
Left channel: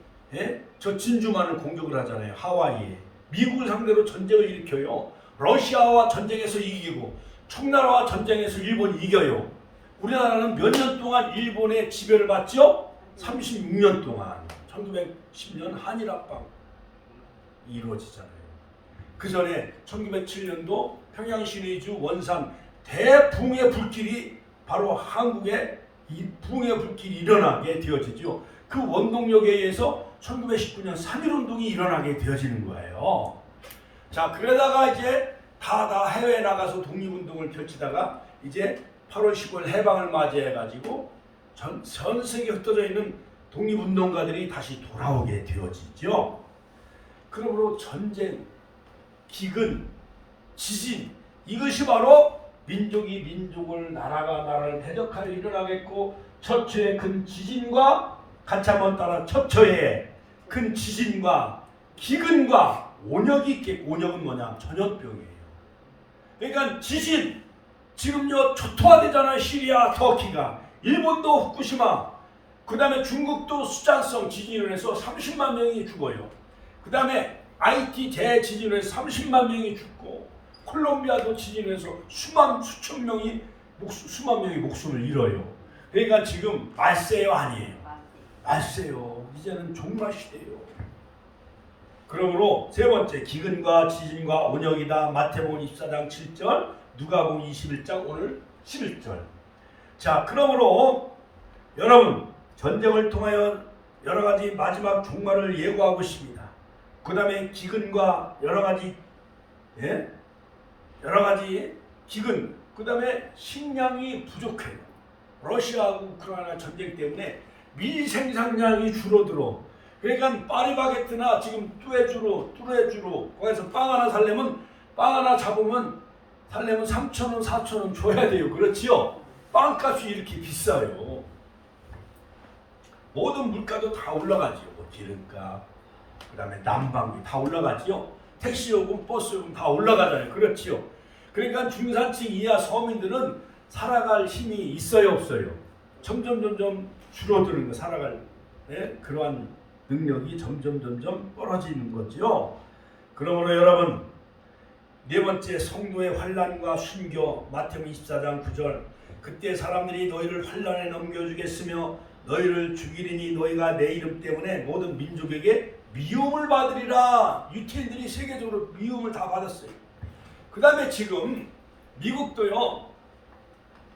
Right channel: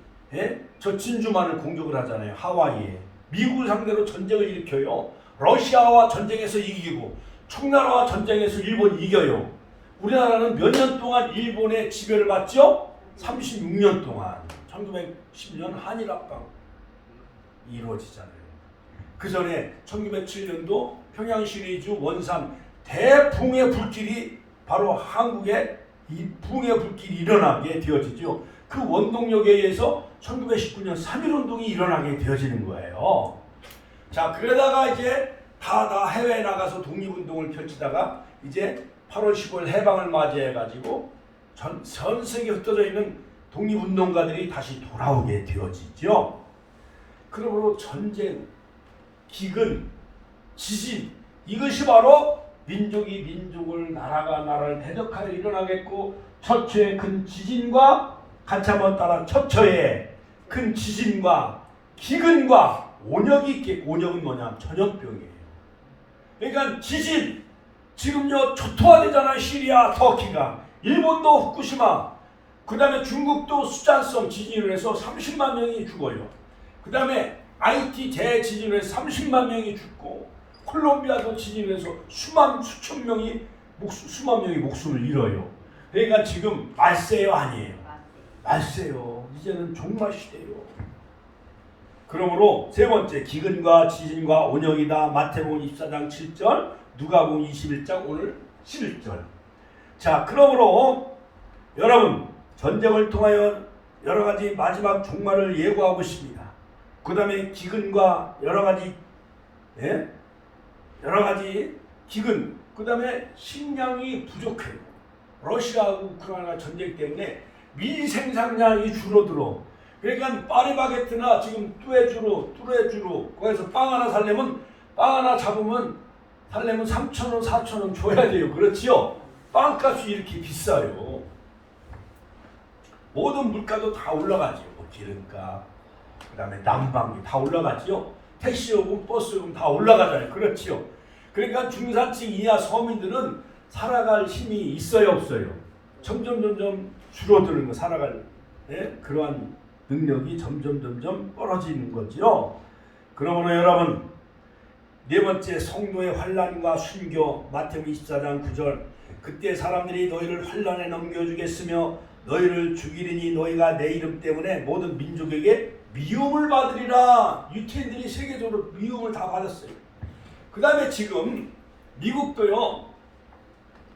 저 진주만을 공격을 하잖아요. 하와이에. 미국을 상대로 전쟁을 일으켜요. 러시아와 전쟁에서 이기고 청나라와 전쟁에서 일본이 이겨요. 우리나라는 몇 년 동안 일본의 지배를 받죠? 36년 동안. 1910년 한일합방 이루어지잖아요. 그 전에 1907년도 평양시리즈 원산 대붕의 불길이 바로 한국에 이 붕의 불길이 일어나게 되어지죠. 그 원동력에 의해서 1919년 3.1운동이 일어나게 되어지는 거예요. 자, 그러다가 이제 다 해외에 나가서 독립운동을 펼치다가 이제 8월 15일 해방을 맞이해가지고 전 세계에 흩어져 있는 독립운동가들이 다시 돌아오게 되어지죠. 그러므로 전쟁, 기근, 지진 이것이 바로 민족이 민족을 나라가 나라를 대적하여 일어나겠고 처처의 큰 지진과 같이 한번 따라 처처의 큰 지진과 기근과 온역이 있겠고 온역은 뭐냐? 전염병이에요. 그러니까 지진 지금요 초토화되잖아요. 시리아, 터키가 일본도 후쿠시마 그 다음에 중국도 수잔성 지진으로 해서 30만 명이 죽어요. 그 다음에 IT 대지진으로 해서 30만 명이 죽고 콜롬비아도 지진으로 해서 수만 명이 목숨을 잃어요. 그러니까 지금 말세요 아니에요? 말세요. 이제는 종말 시대예요. 그러므로 세 번째 기근과 지진과 온역이다. 마태복음 24장 7절 누가복음 21장 오늘 11절. 자, 그러므로 여러분 전쟁을 통하여 여러 가지 마지막 종말을 예고하고 있습니다. 그 다음에 기근과 여러 가지 기근, 그 다음에 식량이 부족해요. 러시아하고 우크라이나 전쟁 때문에 미 생산량이 줄어들어. 그러니까 파리바게트나 지금 뚜레쥬르 거기서 빵 하나 살려면 빵 하나 잡으면 살려면 3,000원, 4,000원 줘야 돼요. 그렇지요? 빵값이 이렇게 비싸요. 모든 물가도 다 올라가지요. 기름값, 그 다음에 난방비 다 올라가지요. 택시요금, 버스요금 다 올라가잖아요. 그렇지요? 그러니까 중산층 이하 서민들은 살아갈 힘이 있어요, 없어요? 점점 줄어드는 거, 살아갈 그러한 능력이 점점 떨어지는 거죠. 그러므로 여러분 네 번째 성도의 환난과 순교 마태복음 24장 9절 그때 사람들이 너희를 환난에 넘겨주겠으며 너희를 죽이리니 너희가 내 이름 때문에 모든 민족에게 미움을 받으리라. 유태인들이 세계적으로 미움을 다 받았어요. 그 다음에 지금 미국도요.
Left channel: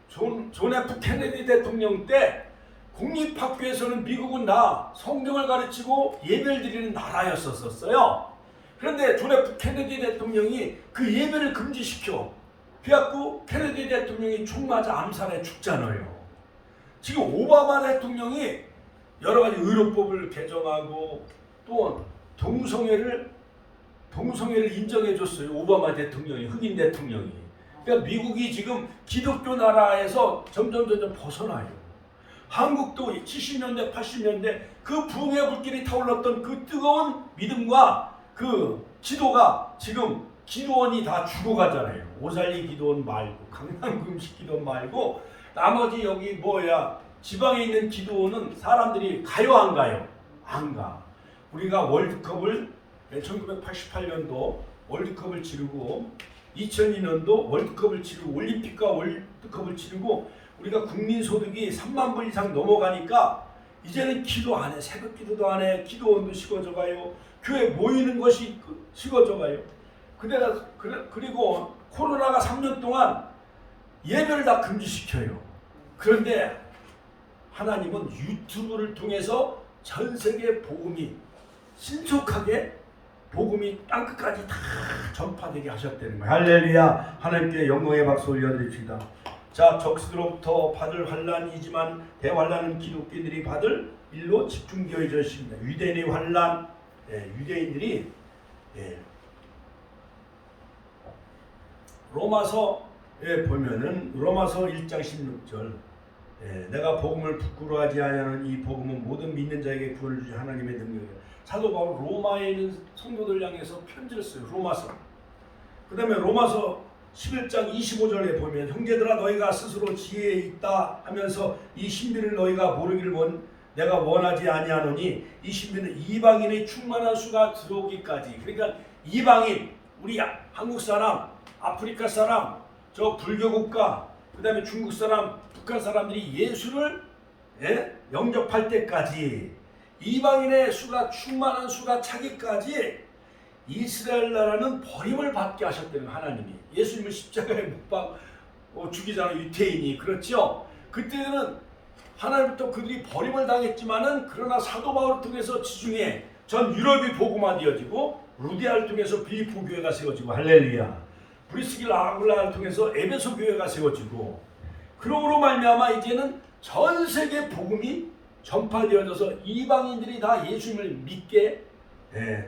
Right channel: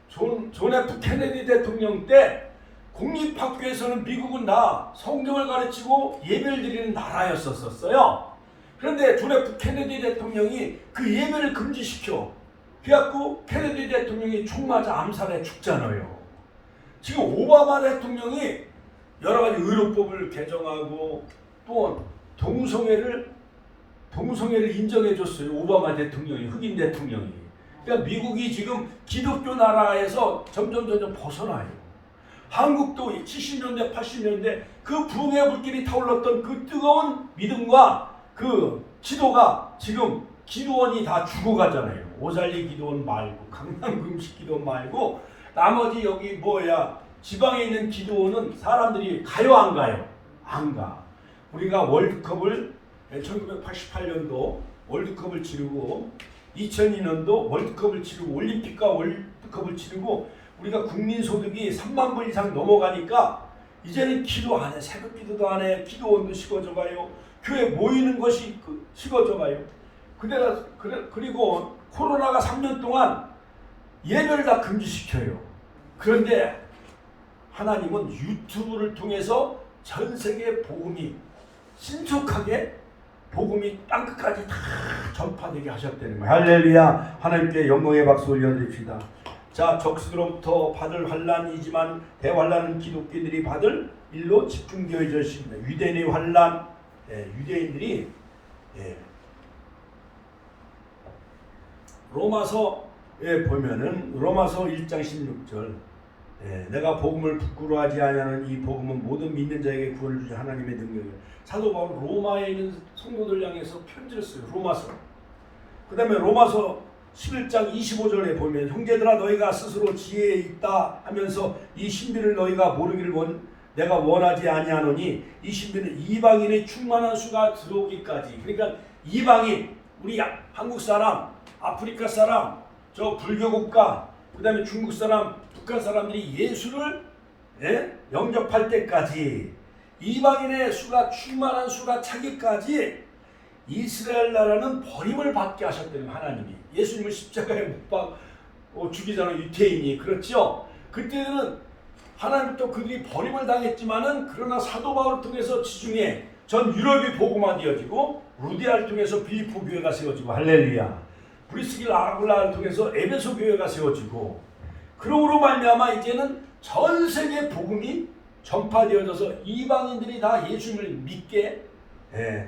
존 F 케네디 대통령 때 공립학교에서는 미국은 다 성경을 가르치고 예배를 드리는 나라였었어요. 그런데 존 F 케네디 대통령이 그 예배를 금지시켜. 그래갖고 케네디 대통령이 총 맞아 암살해 죽잖아요. 지금 오바마 대통령이 여러 가지 의료법을 개정하고 또 동성애를 인정해줬어요. 오바마 대통령이, 흑인 대통령이. 그러니까 미국이 지금 기독교 나라에서 점점 벗어나요. 한국도 70년대, 80년대 그 붕의 불길이 타올랐던 그 뜨거운 믿음과 그 기도가 지금 기도원이 다 죽어가잖아요. 오살리 기도원 말고 강남금식 기도원 말고 나머지 여기 지방에 있는 기도원은 사람들이 가요 안 가요? 안 가. 우리가 월드컵을 1988년도 월드컵을 치르고 2002년도 월드컵을 치르고 올림픽과 월드컵을 치르고 우리가 국민소득이 3만 불 이상 넘어가니까 이제는 기도 안 해. 새벽 기도도 안 해. 기도원도 식어져가요. 교회 모이는 것이 식어져가요. 그리고 코로나가 3년 동안 예배를 다 금지시켜요. 그런데 하나님은 유튜브를 통해서 전 세계 복음이 신속하게 복음이 땅끝까지 다 전파되게 하셨다는 거예요. 할렐루야. 하나님께 영광의 박수 올려드립시다. 자, 적수로부터 받을 환난이지만 대환난은 기독교인들이 받을 일로 집중되어져 있습니다. 유대인의 환난, 유대인들이 로마서에 보면은 로마서 1장 16절 내가 복음을 부끄러워하지 아니하는 이 복음은 모든 믿는 자에게 구원을 주신 하나님의 능력이야. 사도 바울 로마에 있는 성도들 향해서 편지를 써요. 로마서. 그 다음에 로마서 11장 25절에 보면 형제들아 너희가 스스로 지혜에 있다 하면서 이 신비를 너희가 모르기를 내가 원하지 아니하노니 이 신비는 이방인의 충만한 수가 들어오기까지. 그러니까 이방인, 우리 한국 사람, 아프리카 사람, 저 불교 국가, 그 다음에 중국 사람, 북한 사람들이 예수를 영접할 때까지 이방인의 수가 충만한 수가 차기까지 이스라엘 나라는 버림을 받게 하셨다는 하나님이. 예수님을 십자가에 못 박고 죽이잖아요. 유태인이. 그렇죠? 그때는 하나님부터 그들이 버림을 당했지만은 그러나 사도 바울을 통해서 지중해 전 유럽이 복음화되어지고 루디아를 통해서 빌립보 교회가 세워지고 할렐루야. 브리스길 아굴라를 통해서 에베소 교회가 세워지고 그러므로 말미암아 이제는 전 세계 복음이 전파되어져서 이방인들이 다 예수님을 믿게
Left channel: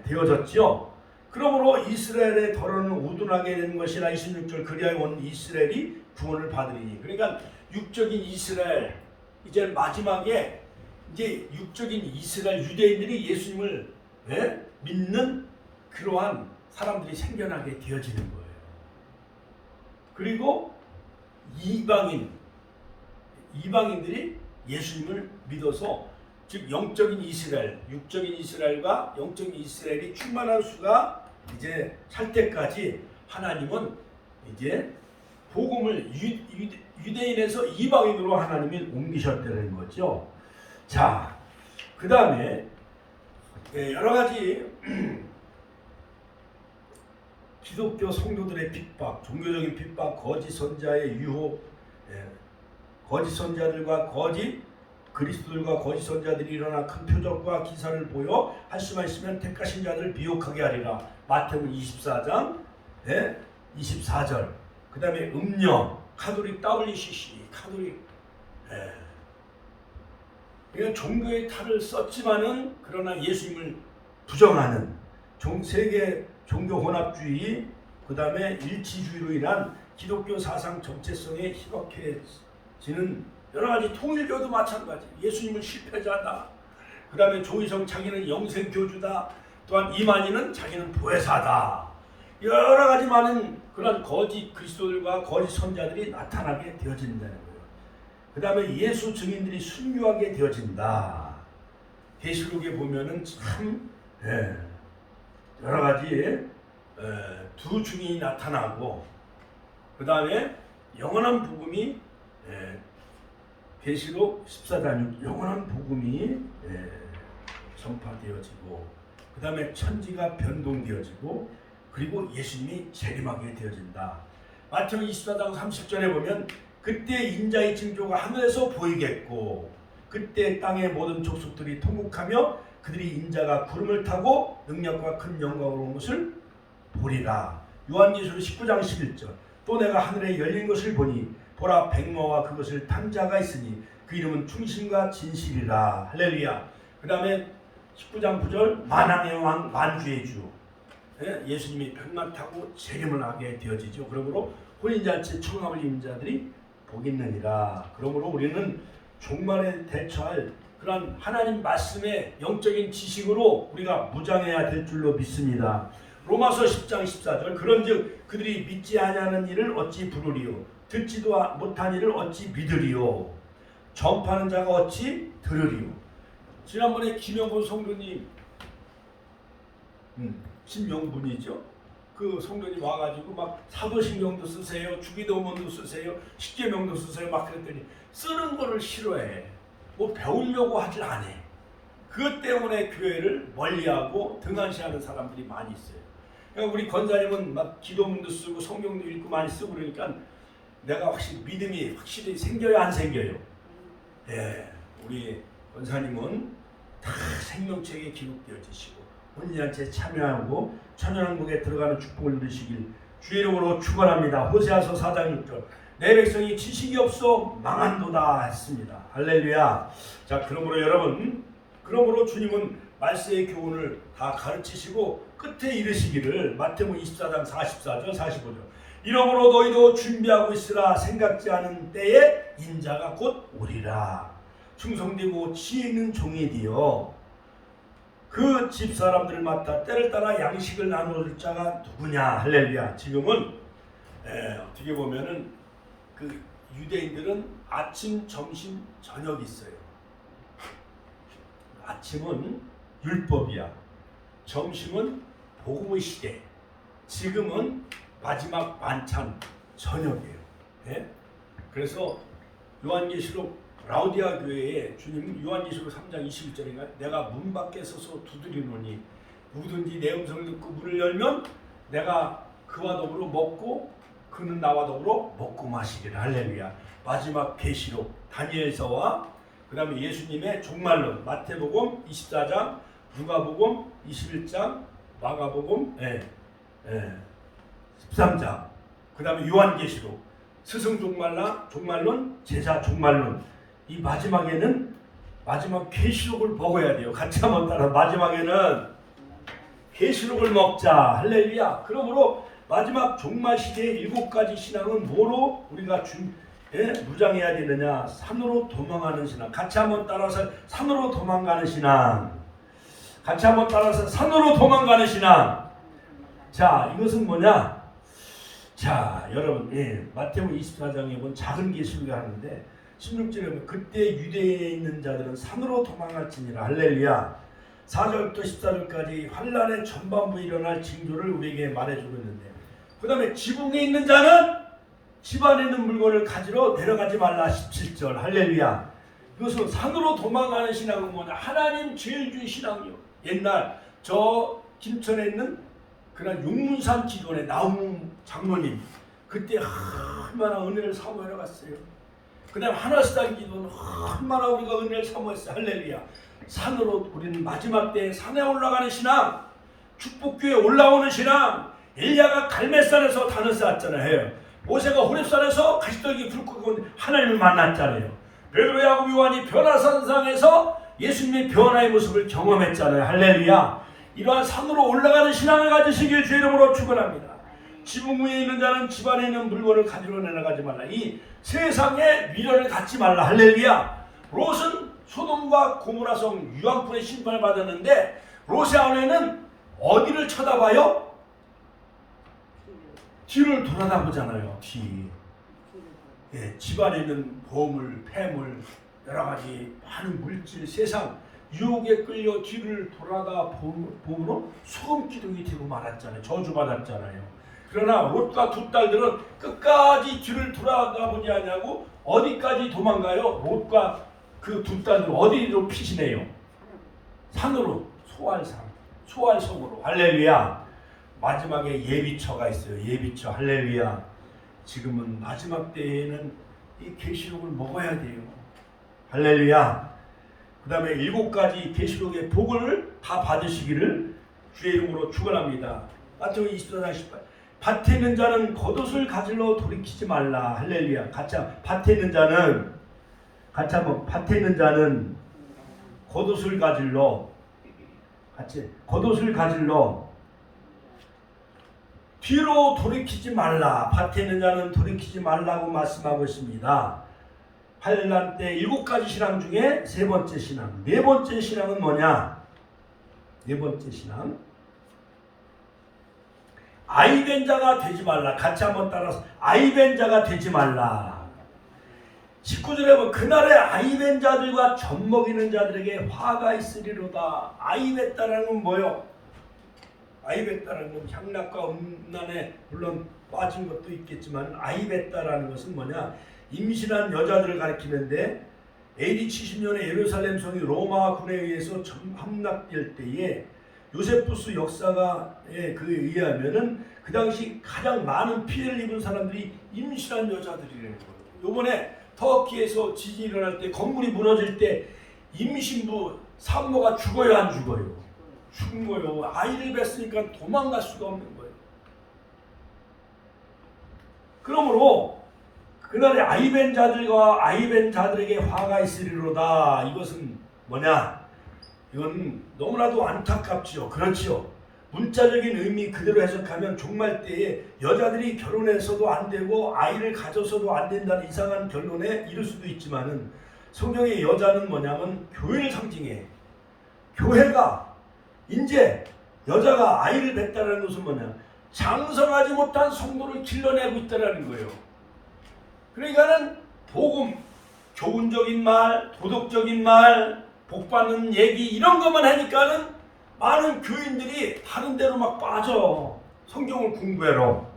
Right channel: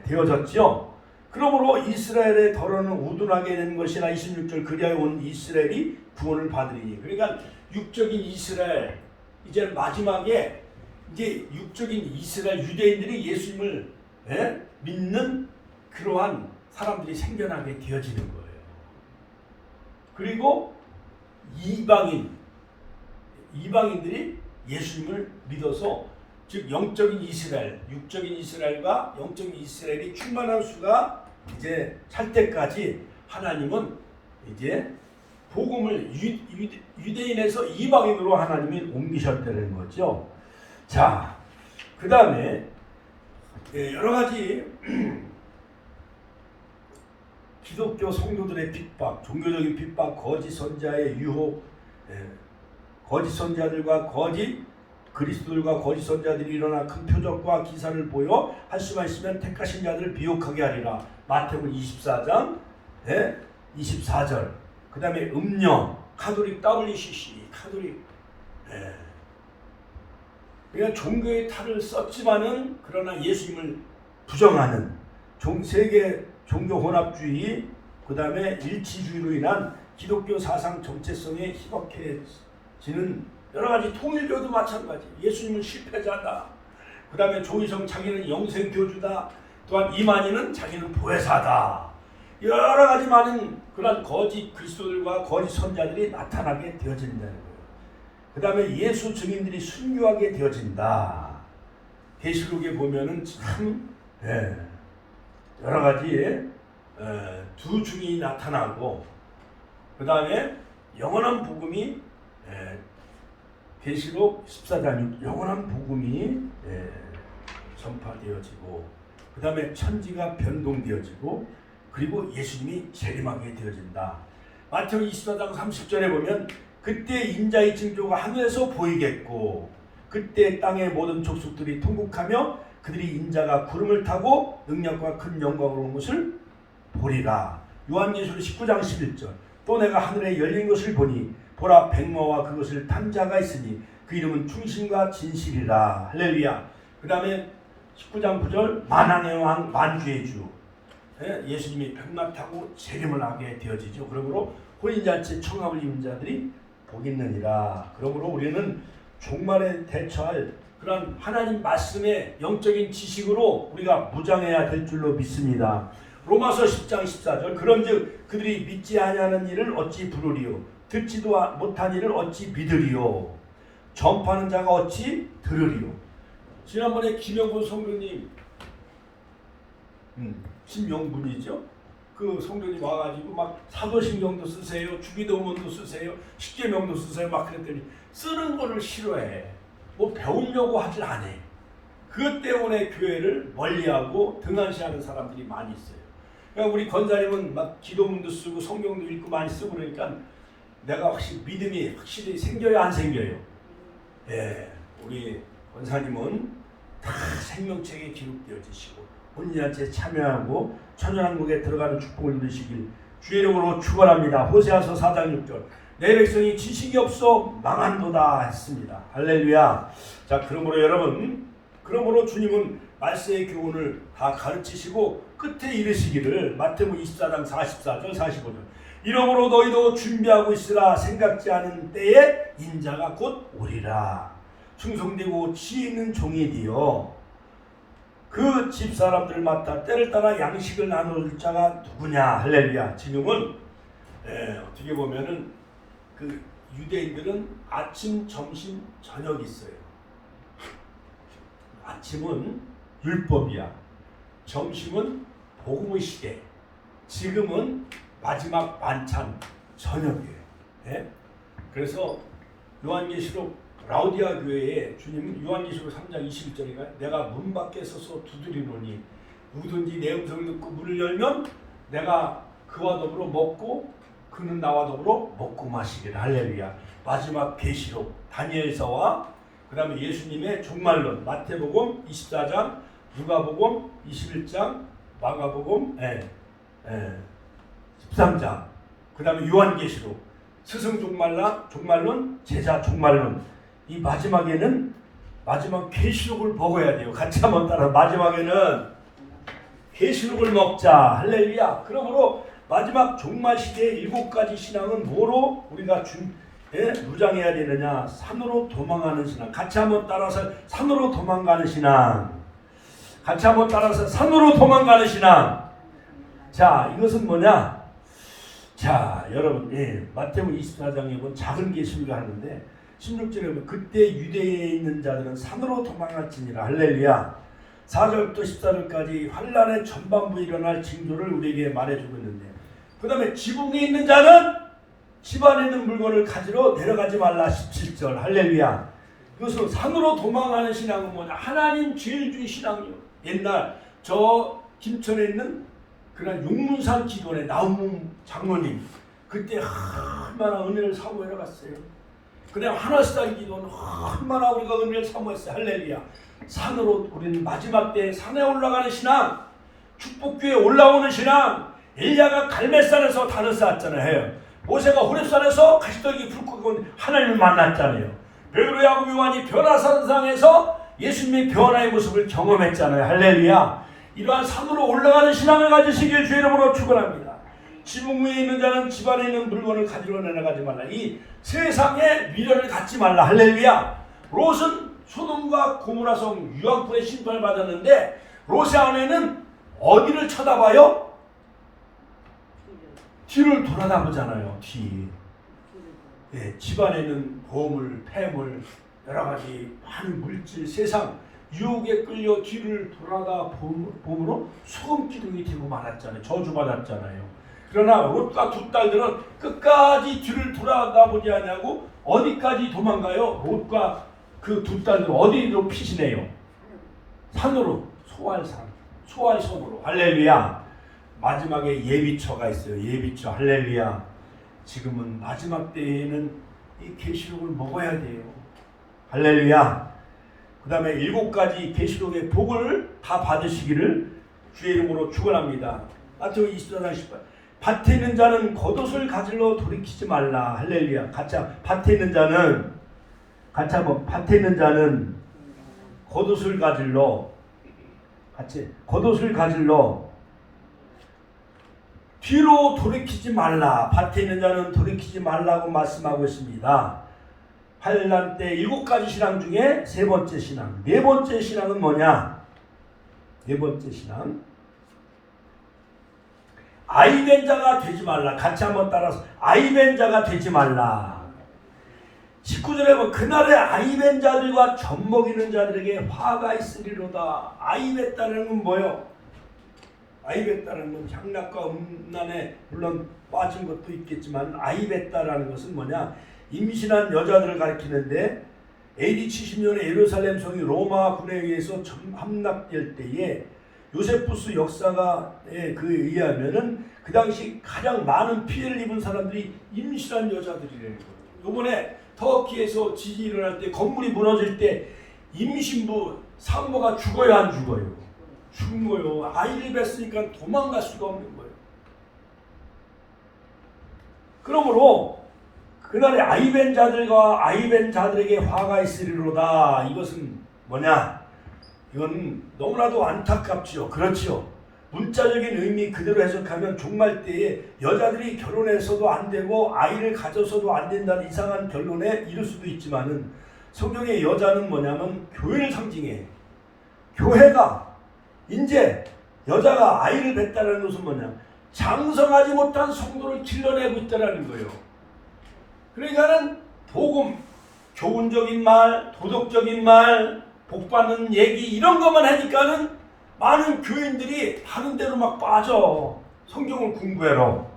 되어졌죠. 그러므로 이스라엘의 더러는 우둔하게 된 것이나 26절 그리하여 온 이스라엘이 구원을 받으리니. 그러니까 육적인 이스라엘 이제 마지막에 이제 육적인 이스라엘 유대인들이 예수님을 믿는 그러한 사람들이 생겨나게 되어지는 거예요. 그리고 이방인들이 예수님을 믿어서 즉 영적인 이스라엘, 육적인 이스라엘과 영적인 이스라엘이 충만한 수가 이제 찰 때까지 하나님은 이제 복음을 유대인에서 이방인으로 하나님이 옮기셨다는 거죠. 자, 그 다음에 여러 가지 기독교 성도들의 핍박, 종교적인 핍박, 거짓 선자의 유혹, 거짓 선자들과 거짓 그리스도들과 거짓 선자들이 일어나 큰 표적과 기사를 보여 할 수만 있으면 택하신 자들을 비옥하게 하리라. 마태복음 24장 24절. 그 다음에 음녀, 카톨릭 WCC, 카톨릭. 그러니까 종교의 탈을 썼지만은 그러나 예수님을 부정하는 세계 종교 혼합주의, 그 다음에 일치주의로 인한 기독교 사상 정체성에 희박해지는 여러 가지 통일교도 마찬가지. 예수님은 실패자다. 그 다음에 조희성 자기는 영생교주다. 또한 이만희는 자기는 보혜사다. 여러 가지 많은 그런 거짓 그리스도들과 거짓 선자들이 나타나게 되어진다는 거예요. 그 다음에 예수 증인들이 순교하게 되어진다. 계시록에 보면은 참 여러 가지 두 증인이 나타나고 그 다음에 영원한 복음이 계시록 14장 영원한 복음이 전파되어지고 그 다음에 천지가 변동되어지고 그리고 예수님이 재림하게 되어진다. 마태복음 24장 30절에 보면 그때 인자의 징조가 하늘에서 보이겠고 그때 땅의 모든 족속들이 통곡하며 그들이 인자가 구름을 타고 능력과 큰 영광으로 온 것을 보리라. 요한계시록 19장 11절 또 내가 하늘에 열린 것을 보니 보라 백모와 그것을 탄 자가 있으니 그 이름은 충신과 진실이라. 할렐루야. 그 다음에 19장 9절 만왕의 왕 만주의 주 예수님이 백마 타고 재림을 하게 되어지죠. 그러므로 혼인잔치 청함을 입은 자들이 복 있느니라. 그러므로 우리는 종말에 대처할 그런 하나님 말씀의 영적인 지식으로 우리가 무장해야 될 줄로 믿습니다. 로마서 10장 14절 그런즉 그들이 믿지 아니하는 일을 어찌 부르리요 듣지도 못한 일을 어찌 믿으리요 전파하는 자가 어찌 들으리요. 지난번에 김영분 성도님 신명분이죠. 그 성도님 와가지고 막 사도신경도 쓰세요, 주기도문도 쓰세요, 십계명도 쓰세요 막 그랬더니 쓰는 거를 싫어해. 뭐 배우려고 하질 않아. 그것 때문에 교회를 멀리하고 등한시하는 사람들이 많이 있어요. 그러니까 우리 권사님은 막 기도문도 쓰고 성경도 읽고 많이 쓰고 그러니까 내가 확실히 믿음이 확실히 생겨요, 안 생겨요? 예, 우리 권사님은 다 생명책에 기록되어지시고 혼인잔치에 참여하고 천연왕국에 들어가는 축복을 누리시길 주의 이름으로 축원합니다. 호세아서 4장 6절 내 백성이 지식이 없어 망한도다 했습니다. 할렐루야. 자, 그러므로 주님은 말세의 교훈을 다 가르치시고 끝에 이르시기를 마태복음 24장 44절 45절 이러므로 너희도 준비하고 있으라. 생각지 않은 때에 인자가 곧 오리라. 충성되고 지혜 있는 종이 되어 그 집사람들을 맡아 때를 따라 양식을 나눠줄 자가 누구냐. 할렐루야. 지금은 어떻게 보면은 그 유대인들은 아침, 점심, 저녁이 있어요. 아침은 율법이야. 점심은 복음의 시대. 지금은 마지막 만찬 저녁이에요. 예? 그래서 요한계시록 라우디아 교회에 주님 요한계시록 3장 21절인가 내가 문 밖에 서서 두드리노니 누구든지 내 음성을 듣고 문을 열면 내가 그와 더불어 먹고 그는 나와 더불어 먹고 마시기를. 할렐루야. 마지막 계시록 다니엘서와 그 다음에 예수님의 종말론 마태복음 24장 누가복음 21장 마가복음 13장 그 다음에 요한계시록 스승 종말론 제자 종말론 이 마지막에는 마지막 계시록을 먹어야 돼요. 같이 한번 따라 마지막에는 계시록을 먹자. 할렐루야. 그러므로 마지막 종말 시대의 7가지 신앙은 뭐로 우리가 무장해야 되느냐? 산으로 도망가는 신앙. 같이 한번 따라서 산으로 도망가는 신앙. 같이 한번 따라서 산으로 도망가는 신앙. 자, 이것은 뭐냐? 자, 여러분, 마태복음 24장에 보면 작은 계시록을 하는데 16절에 보면 그때 유대에 있는 자들은 산으로 도망할지니라. 할렐루야. 4절부터 14절까지 환란의 전반부에 일어날 징조를 우리에게 말해주고 있는데 그 다음에 지붕에 있는 자는 집안에 있는 물건을 가지러 내려가지 말라. 17절. 할렐루야. 이것은 산으로 도망가는 신앙은 뭐냐? 하나님 죄를 준 신앙이요. 옛날 저 김천에 있는 그런 용문산 기도원의 나움 장로님 그때 얼마나 은혜를 사모하러 갔어요. 그 다음 하나시당 기도는 얼마나 우리가 은혜를 사모했어요. 할렐루야. 산으로 우리는 마지막 때에 산에 올라가는 신앙, 축복교에 올라오는 신앙. 엘리야가 갈멜산에서 단을 쌓았잖아요. 모세가 호렙산에서 가시떡이 불 끄고 하나님을 만났잖아요. 베드로 야고보 요한이 변화산상에서 예수님의 변화의 모습을 경험했잖아요. 할렐루야. 이러한 산으로 올라가는 신앙을 가지시길 주의 이름으로 축원합니다. 지붕 위에 있는 자는 집안에 있는 물건을 가지러 내려가지 말라. 이 세상에 미련을 갖지 말라. 할렐루야. 롯은 소돔과 고모라성 유황불의 심판을 받았는데 롯의 아내는 어디를 쳐다봐요? 뒤를 돌아다보잖아요. 뒤. 집안에 있는 보물, 폐물, 여러 가지 많은 물질, 세상 유혹에 끌려 뒤를 돌아다 보므로 소금 기둥이 되고 말았잖아요. 저주받았잖아요. 그러나 롯과 두 딸들은 끝까지 뒤를 돌아다보지 않냐고 어디까지 도망가요? 롯과 그 두 딸들은 어디로 피신해요? 산으로, 소알섬으로. 할렐루야. 마지막에 예비처가 있어요. 예비처. 할렐루야. 지금은 마지막 때에는 이 계시록을 먹어야 돼요. 할렐루야. 그 다음에 7가지 계시록의 복을 다 받으시기를 주의 이름으로 축원합니다. 마태복음 24장 18. 밭에 있는 자는 겉옷을 가지러 돌이키지 말라. 할렐루야. 밭에 있는 자는 밭에 있는 자는 겉옷을 가지러 뒤로 돌이키지 말라. 밭에 있는 자는 돌이키지 말라고 말씀하고 있습니다. 환란 때 7가지 신앙 중에 3번째 신앙. 4번째 신앙은 뭐냐? 4번째 신앙. 아이된 자가 되지 말라. 같이 한번 따라서 아이된 자가 되지 말라. 19절에 보면 그날에 아이된 자들과 젖먹이는 자들에게 화가 있으리로다. 아이됐다는 건 뭐예요? 아이베따라는 건 향락과 음란에 물론 빠진 것도 있겠지만 아이베따라는 것은 뭐냐? 임신한 여자들을 가리키는데 AD 70년에 예루살렘 성이 로마 군에 의해서 함락될 때에 요세푸스 역사가에 그에 의하면은 그 당시 가장 많은 피해를 입은 사람들이 임신한 여자들이라는 거예요. 요번에 터키에서 지진이 일어날 때 건물이 무너질 때 임신부 산모가 죽어요, 안 죽어요? 죽어요. 아이를 뱄으니까 도망갈 수가 없는 거예요. 그러므로 그날에 아이벤 자들과 아이벤 자들에게 화가 있으리로다. 이것은 뭐냐? 이건 너무나도 안타깝지요. 그렇지요. 문자적인 의미 그대로 해석하면 종말 때에 여자들이 결혼해서도 안 되고 아이를 가져서도 안 된다는 이상한 결론에 이를 수도 있지만은 성경의 여자는 뭐냐면 교회를 상징해. 교회가 이제 여자가 아이를 뱉다는 것은 뭐냐? 장성하지 못한 성도를 길러내고 있다는 거예요. 그러니까는 복음, 교훈적인 말, 도덕적인 말, 복받는 얘기 이런 것만 하니까는 많은 교인들이 다른 데로 막 빠져. 성경을 공부해로.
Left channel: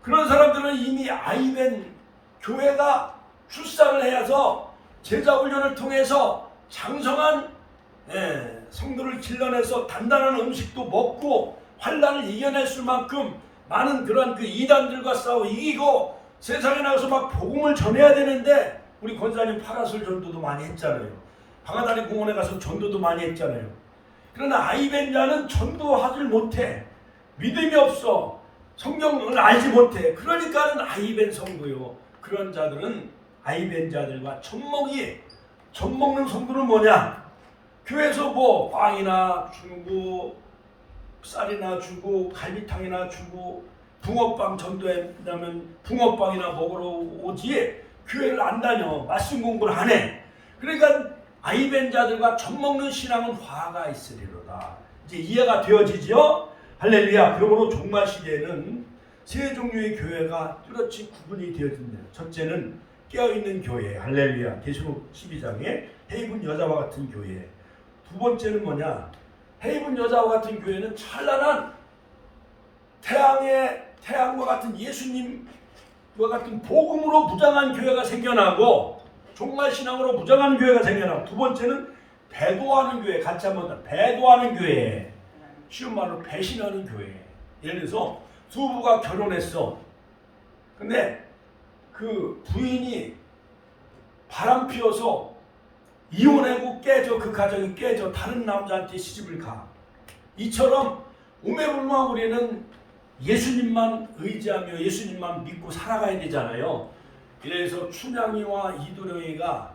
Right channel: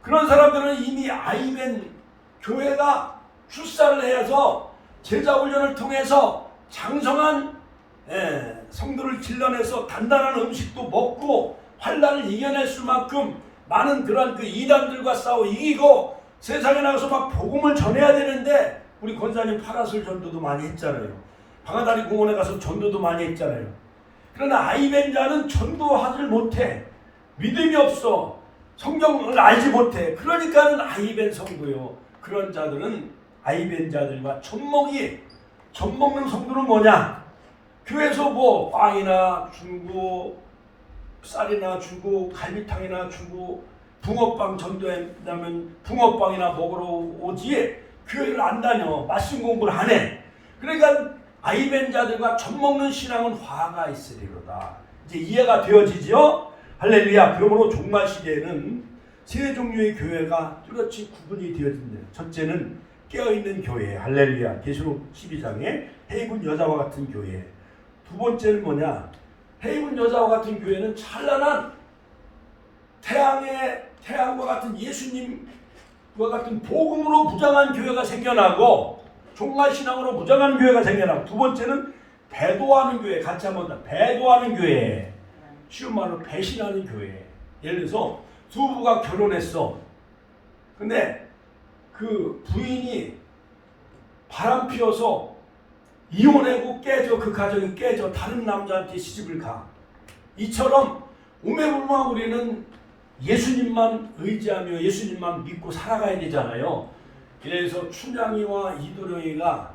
그런 사람들은 이미 아이벤 교회가 출산을 해서 제자훈련을 통해서 장성한 성도를 길러내서 단단한 음식도 먹고 환난을 이겨낼 수만큼 많은 그런 그 이단들과 싸워 이기고 세상에 나가서 막 복음을 전해야 되는데 우리 권사님 파라솔 전도도 많이 했잖아요. 방아다리 공원에 가서 전도도 많이 했잖아요. 그러나 아이벤 자는 전도하지 못해. 믿음이 없어. 성경을 알지 못해. 그러니까는 아이벤 성도요. 그런 자들은 아이벤 자들과 젖먹는 성도는 뭐냐? 교회에서 뭐 빵이나 주고 쌀이나 주고 갈비탕이나 주고 붕어빵 전도한다면 붕어빵이나 먹으러 오지 교회를 안 다녀. 말씀 공부를 안 해. 그러니까 아이벤 자들과 젖먹는 신앙은 화가 있으리로다. 이제 이해가 되어지죠? 할렐루야. 그러므로 종말 시대에는 세 종류의 교회가 뚜렷이 구분이 되어진대요. 첫째는 깨어있는 교회. 할렐루야. 계시록 12장에 헤이븐 여자와 같은 교회. 두 번째는 뭐냐? 헤이븐 여자와 같은 교회는 찬란한 태양과 같은 예수님과 같은 복음으로 무장한 교회가 생겨나고 종말 신앙으로 무장하는 교회가 생겨나고 두 번째는 배도하는 교회. 같이 한번 배도하는 교회. 쉬운 말로 배신하는 교회. 예를 들어서 두 부부가 결혼했어. 근데 그 부인이 바람 피워서 이혼하고 깨져. 그 가정이 깨져. 다른 남자한테 시집을 가. 이처럼 우매불망 우리는 예수님만 의지하며 예수님만 믿고 살아가야 되잖아요. 그래서 춘향이와 이도령이가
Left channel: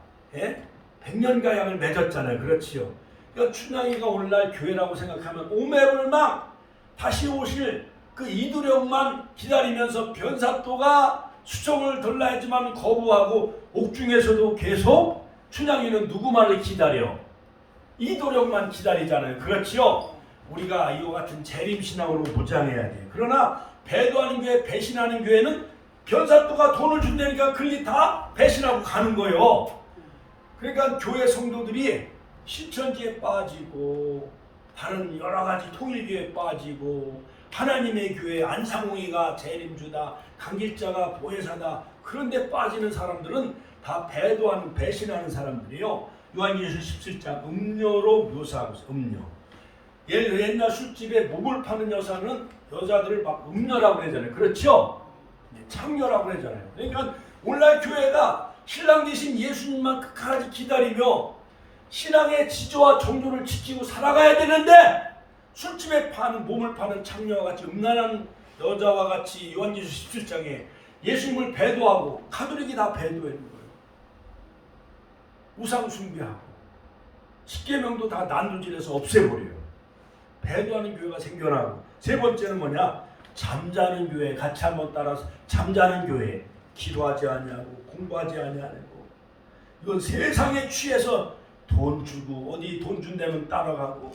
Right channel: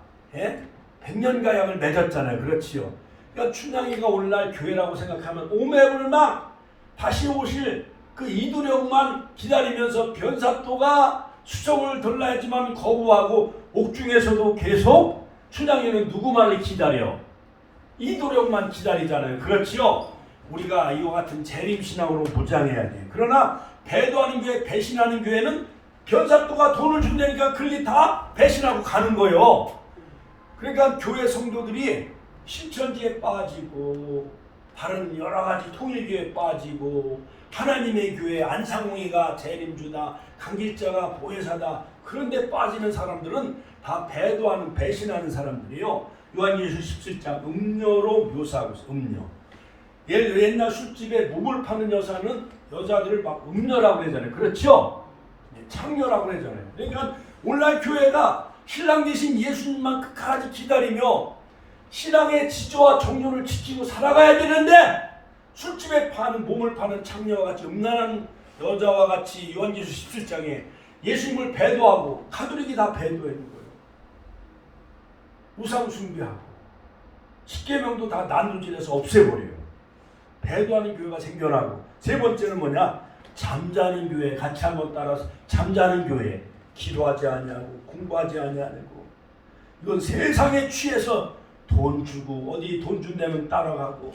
100년가 약을 맺었잖아요. 그렇지요. 그러니까 춘향이가 오늘날 교회라고 생각하면 오매불망 다시 오실 그 이도령만 기다리면서 변사또가 수종을 들라했지만 거부하고 옥중에서도 계속 춘향이는 누구만을 기다려? 이도령만 기다리잖아요. 그렇지요. 우리가 이와 같은 재림신앙으로 무장해야 돼. 그러나 배도하는 교회, 배신하는 교회는 변사또가 돈을 준다니까 그리 다 배신하고 가는 거예요. 그러니까 교회 성도들이 신천지에 빠지고 다른 여러 가지 통일교회에 빠지고 하나님의 교회 안상홍이가 재림주다, 강길자가 보혜사다 그런 데 빠지는 사람들은 다 배도하는 배신하는 사람들이요. 요한계시록 17장 음녀로 묘사하고 있어요. 음녀. 옛날 술집에 몸을 파는 여자들을 막 음녀라고 그러잖아요. 그렇죠? 창녀라고 그러잖아요. 그러니까 오늘날 교회가 신랑 되신 예수님만 끝까지 기다리며 신앙의 지조와 정조를 지키고 살아가야 되는데 술집에 파는 몸을 파는 창녀와 같이 음란한 여자와 같이 요한계시록 17장에 예수님을 배도하고 가톨릭이 다 배도하는 거예요. 우상 숭배하고 십계명도 다 난도질해서 없애버려요. 배도하는 교회가 생겨나고 세 번째는 뭐냐? 잠자는 교회. 같이 한번 따라서 잠자는 교회. 기도하지 않냐고 공부하지 않냐고 이건 세상에 취해서 돈 주고 어디 돈 준다면 따라가고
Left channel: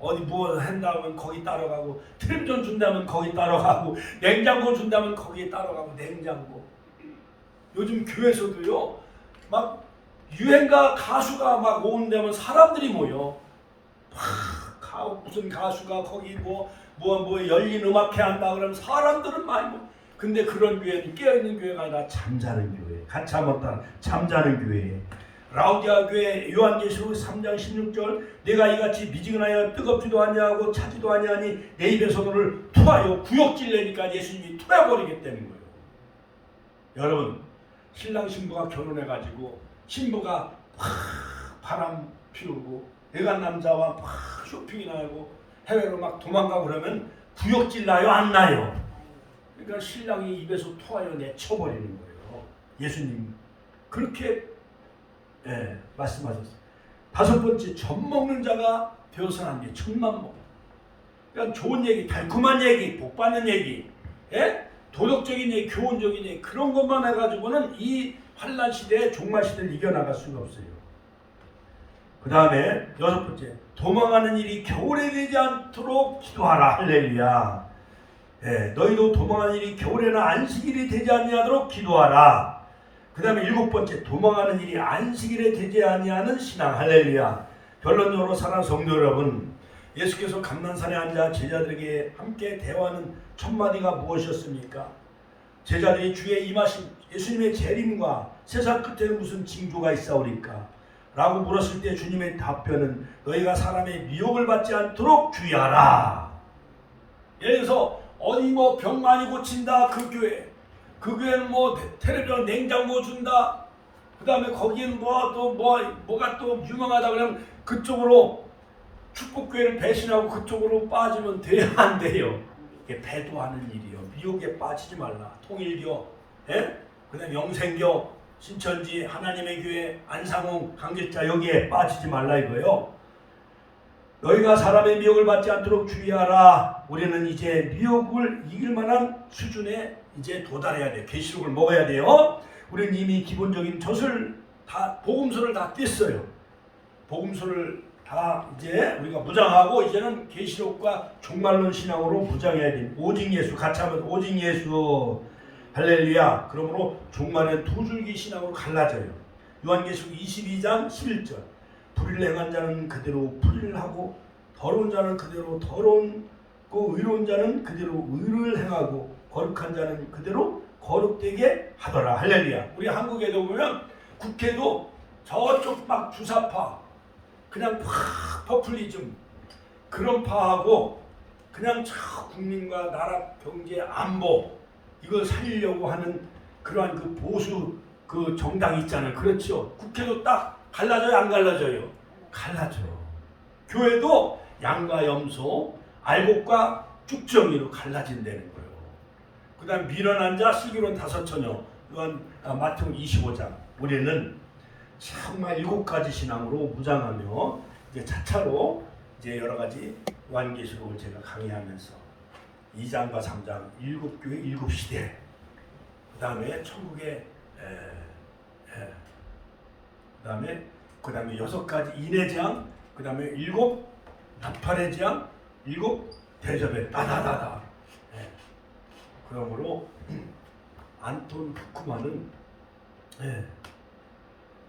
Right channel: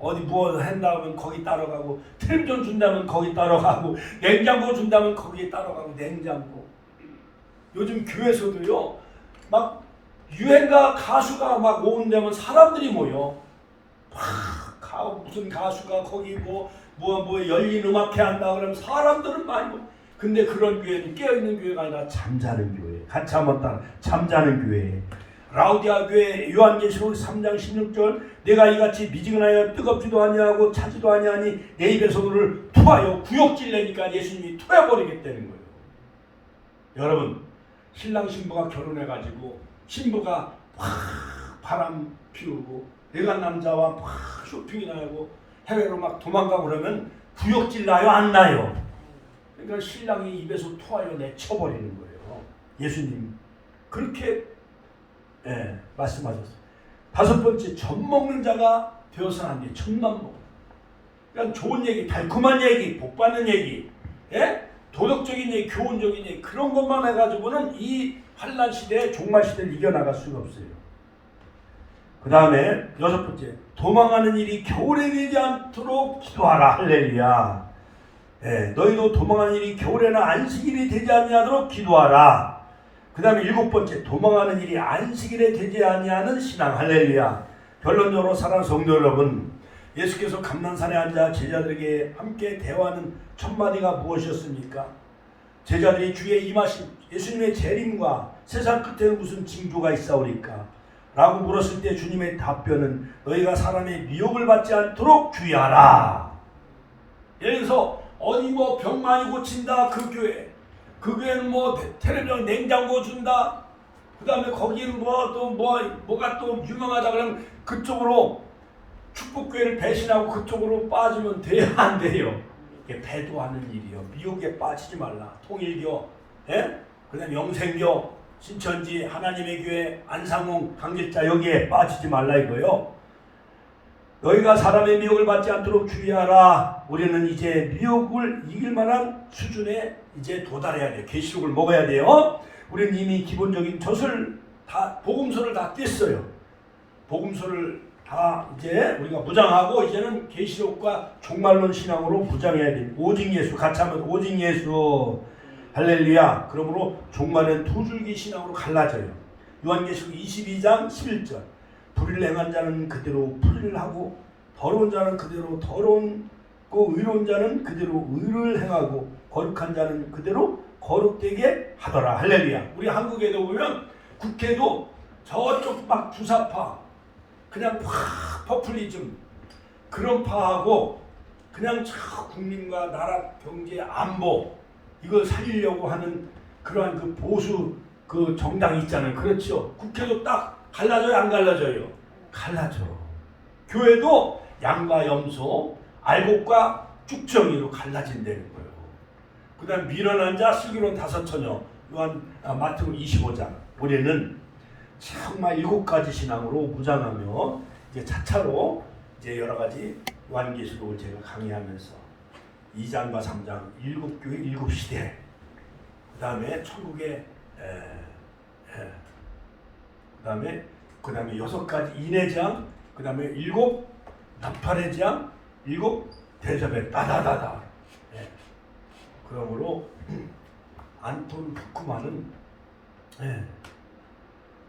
어디 무엇을 한다면 거기 따라가고 텔레비전 준다면 거기 따라가고 냉장고 준다면 거기에 따라가고 냉장고. 요즘 교회에서도요 막 유행가 가수가 막 오는데면 사람들이 모여 막 무슨 가수가 거기 뭐 열린 음악회 한다 그러면 사람들은 많이 근데 그런 교회는 깨어있는 교회가 아니라 잠자는 교회. 같이 한번 따라 잠자는 교회. 라우디아 교회 요한계시록 3장 16절 내가 이같이 미지근하여 뜨겁지도 아니하고 차지도 아니하니 내 입에서 너를 토하여 구역질 내니까 예수님이 토해버리겠다는 거예요. 여러분 신랑 신부가 결혼해가지고 신부가 막 바람 피우고 내간 남자와 막 쇼핑이나 하고 해외로 막 도망가고 그러면 구역질 나요 안 나요? 그러니까 신랑이 입에서 토하여 내쳐버리는 거예요. 예수님 그렇게 말씀하셨어요. 다섯 번째, 젖 먹는 자가 되어서는 안 돼. 젖만 먹어. 그러니까 좋은 얘기, 달콤한 얘기, 복 받는 얘기, 도덕적인 얘기, 교훈적인 얘기 그런 것만 해가지고는 이 환난 시대에 종말 시대를 이겨나갈 수가 없어요. 그 다음에 여섯 번째, 도망하는 일이 겨울에 되지 않도록 기도하라. 할렐루야. 너희도 도망하는 일이 겨울에나 안식일이 되지 아니하도록 기도하라. 그 다음에 일곱 번째, 도망하는 일이 안식일에 되지 아니하는 신앙. 할렐루야. 결론적으로 사랑하는 성도 여러분, 예수께서 감난산에 앉아 제자들에게 함께 대화하는 첫 마디가 무엇이었습니까? 제자들이 주의 임하심, 예수님의 재림과 세상 끝에는 무슨 징조가 있사오리까? 라고 물었을 때 주님의 답변은 너희가 사람의 미혹을 받지 않도록 주의하라. 예를 들어서 어디 뭐 병 많이 고친다 그 교회는 뭐 텔레비전 냉장고 준다. 그 다음에 거기는 뭐가 또 유명하다 그러면 그쪽으로 축복교회를 배신하고 그쪽으로 빠지면 돼야 안 돼요. 이게 배도하는 일이요. 미혹에 빠지지 말라. 통일교, 그 다음에 영생교, 신천지, 하나님의 교회, 안상홍, 강길자 여기에 빠지지 말라 이거요. 너희가 사람의 미혹을 받지 않도록 주의하라. 우리는 이제 미혹을 이길 만한 수준에 이제 도달해야 돼요. 계시록을 먹어야 돼요. 우리는 이미 기본적인 젖을 다 복음서를 다 뗐어요. 복음서를 다 이제 우리가 무장하고 이제는 계시록과 종말론 신앙으로 무장해야 돼. 오직 예수 같이 하면 오직 예수. 할렐루야. 그러므로 종말은 두 줄기 신앙으로 갈라져요. 요한계시록 22장 11절. 불의를 행한 자는 그대로 불의를 하고 더러운 자는 그대로 더러운고 의로운 자는 그대로 의를 행하고 거룩한 자는 그대로 거룩되게 하더라. 할렐루야. 우리 한국에도 보면 국회도 저쪽 막 주사파 그냥 팍 퍼플리즘 그런 파하고 그냥 저 국민과 나라 경제 안보 이걸 살리려고 하는 그러한 그 보수 그 정당이 있잖아요. 그렇죠. 국회도 딱 갈라져요 안 갈라져요? 갈라져. 교회도 양과 염소 알곡과 쭉정이로 갈라진다는 거예요. 그 다음 미련한 자 슬기로운 다섯 처녀 마태복음 25장 우리는 정말 7가지 신앙으로 무장하며 이제 차차로 이제 여러 가지 요한계시록을 제가 강의하면서 2장과 3장 7교회 7시대 그 다음에 천국의 그 다음에 6가지 인해장 그 다음에 7 나팔의 장 7 대접의 따다다다. 그러므로 안톤 후쿠마는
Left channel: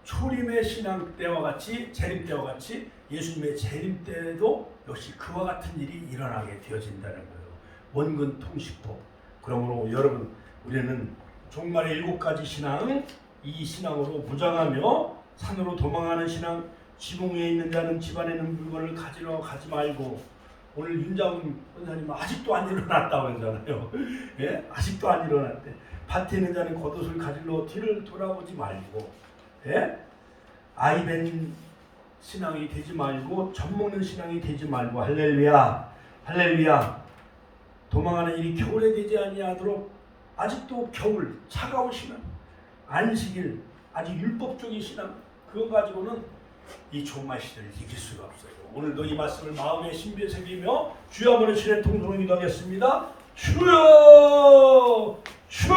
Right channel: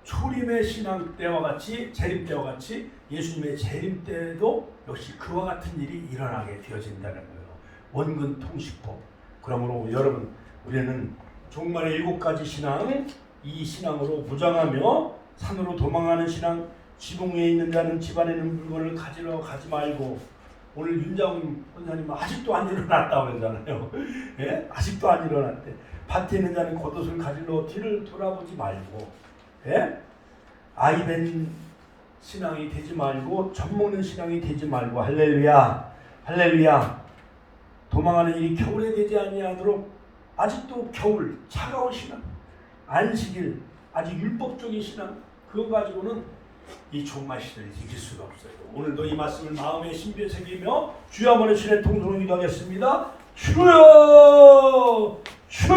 초림의 신앙 때와 같이 재림 때와 같이 예수님의 재림 때에도 역시 그와 같은 일이 일어나게 되어진다는 거예요. 원근 통식법. 그러므로 여러분 우리는 종말의 7가지 신앙 이 신앙으로 무장하며 산으로 도망하는 신앙 지붕 위에 있는 자는 집안에 있는 물건을 가지러 가지 말고 오늘 윤장훈 권사님 아직도 안 일어났다고 그러잖아요. 아직도 안 일어났대. 밭에 있는 자는 겉옷을 가지러 뒤를 돌아보지 말고 아이벤 신앙이 되지 말고 젖먹는 신앙이 되지 말고 할렐루야 할렐루야. 도망하는 일이 겨울에 되지 아니하도록 아직도 겨울 차가운 신앙 안식일 아직 율법적인 신앙 그거 가지고는 이 종말 시대를 이길 수가 없어요. 오늘도 이 말씀을 마음에 신비에 새기며 주여 한번 신의 통성을 기도하겠습니다. 주여 주여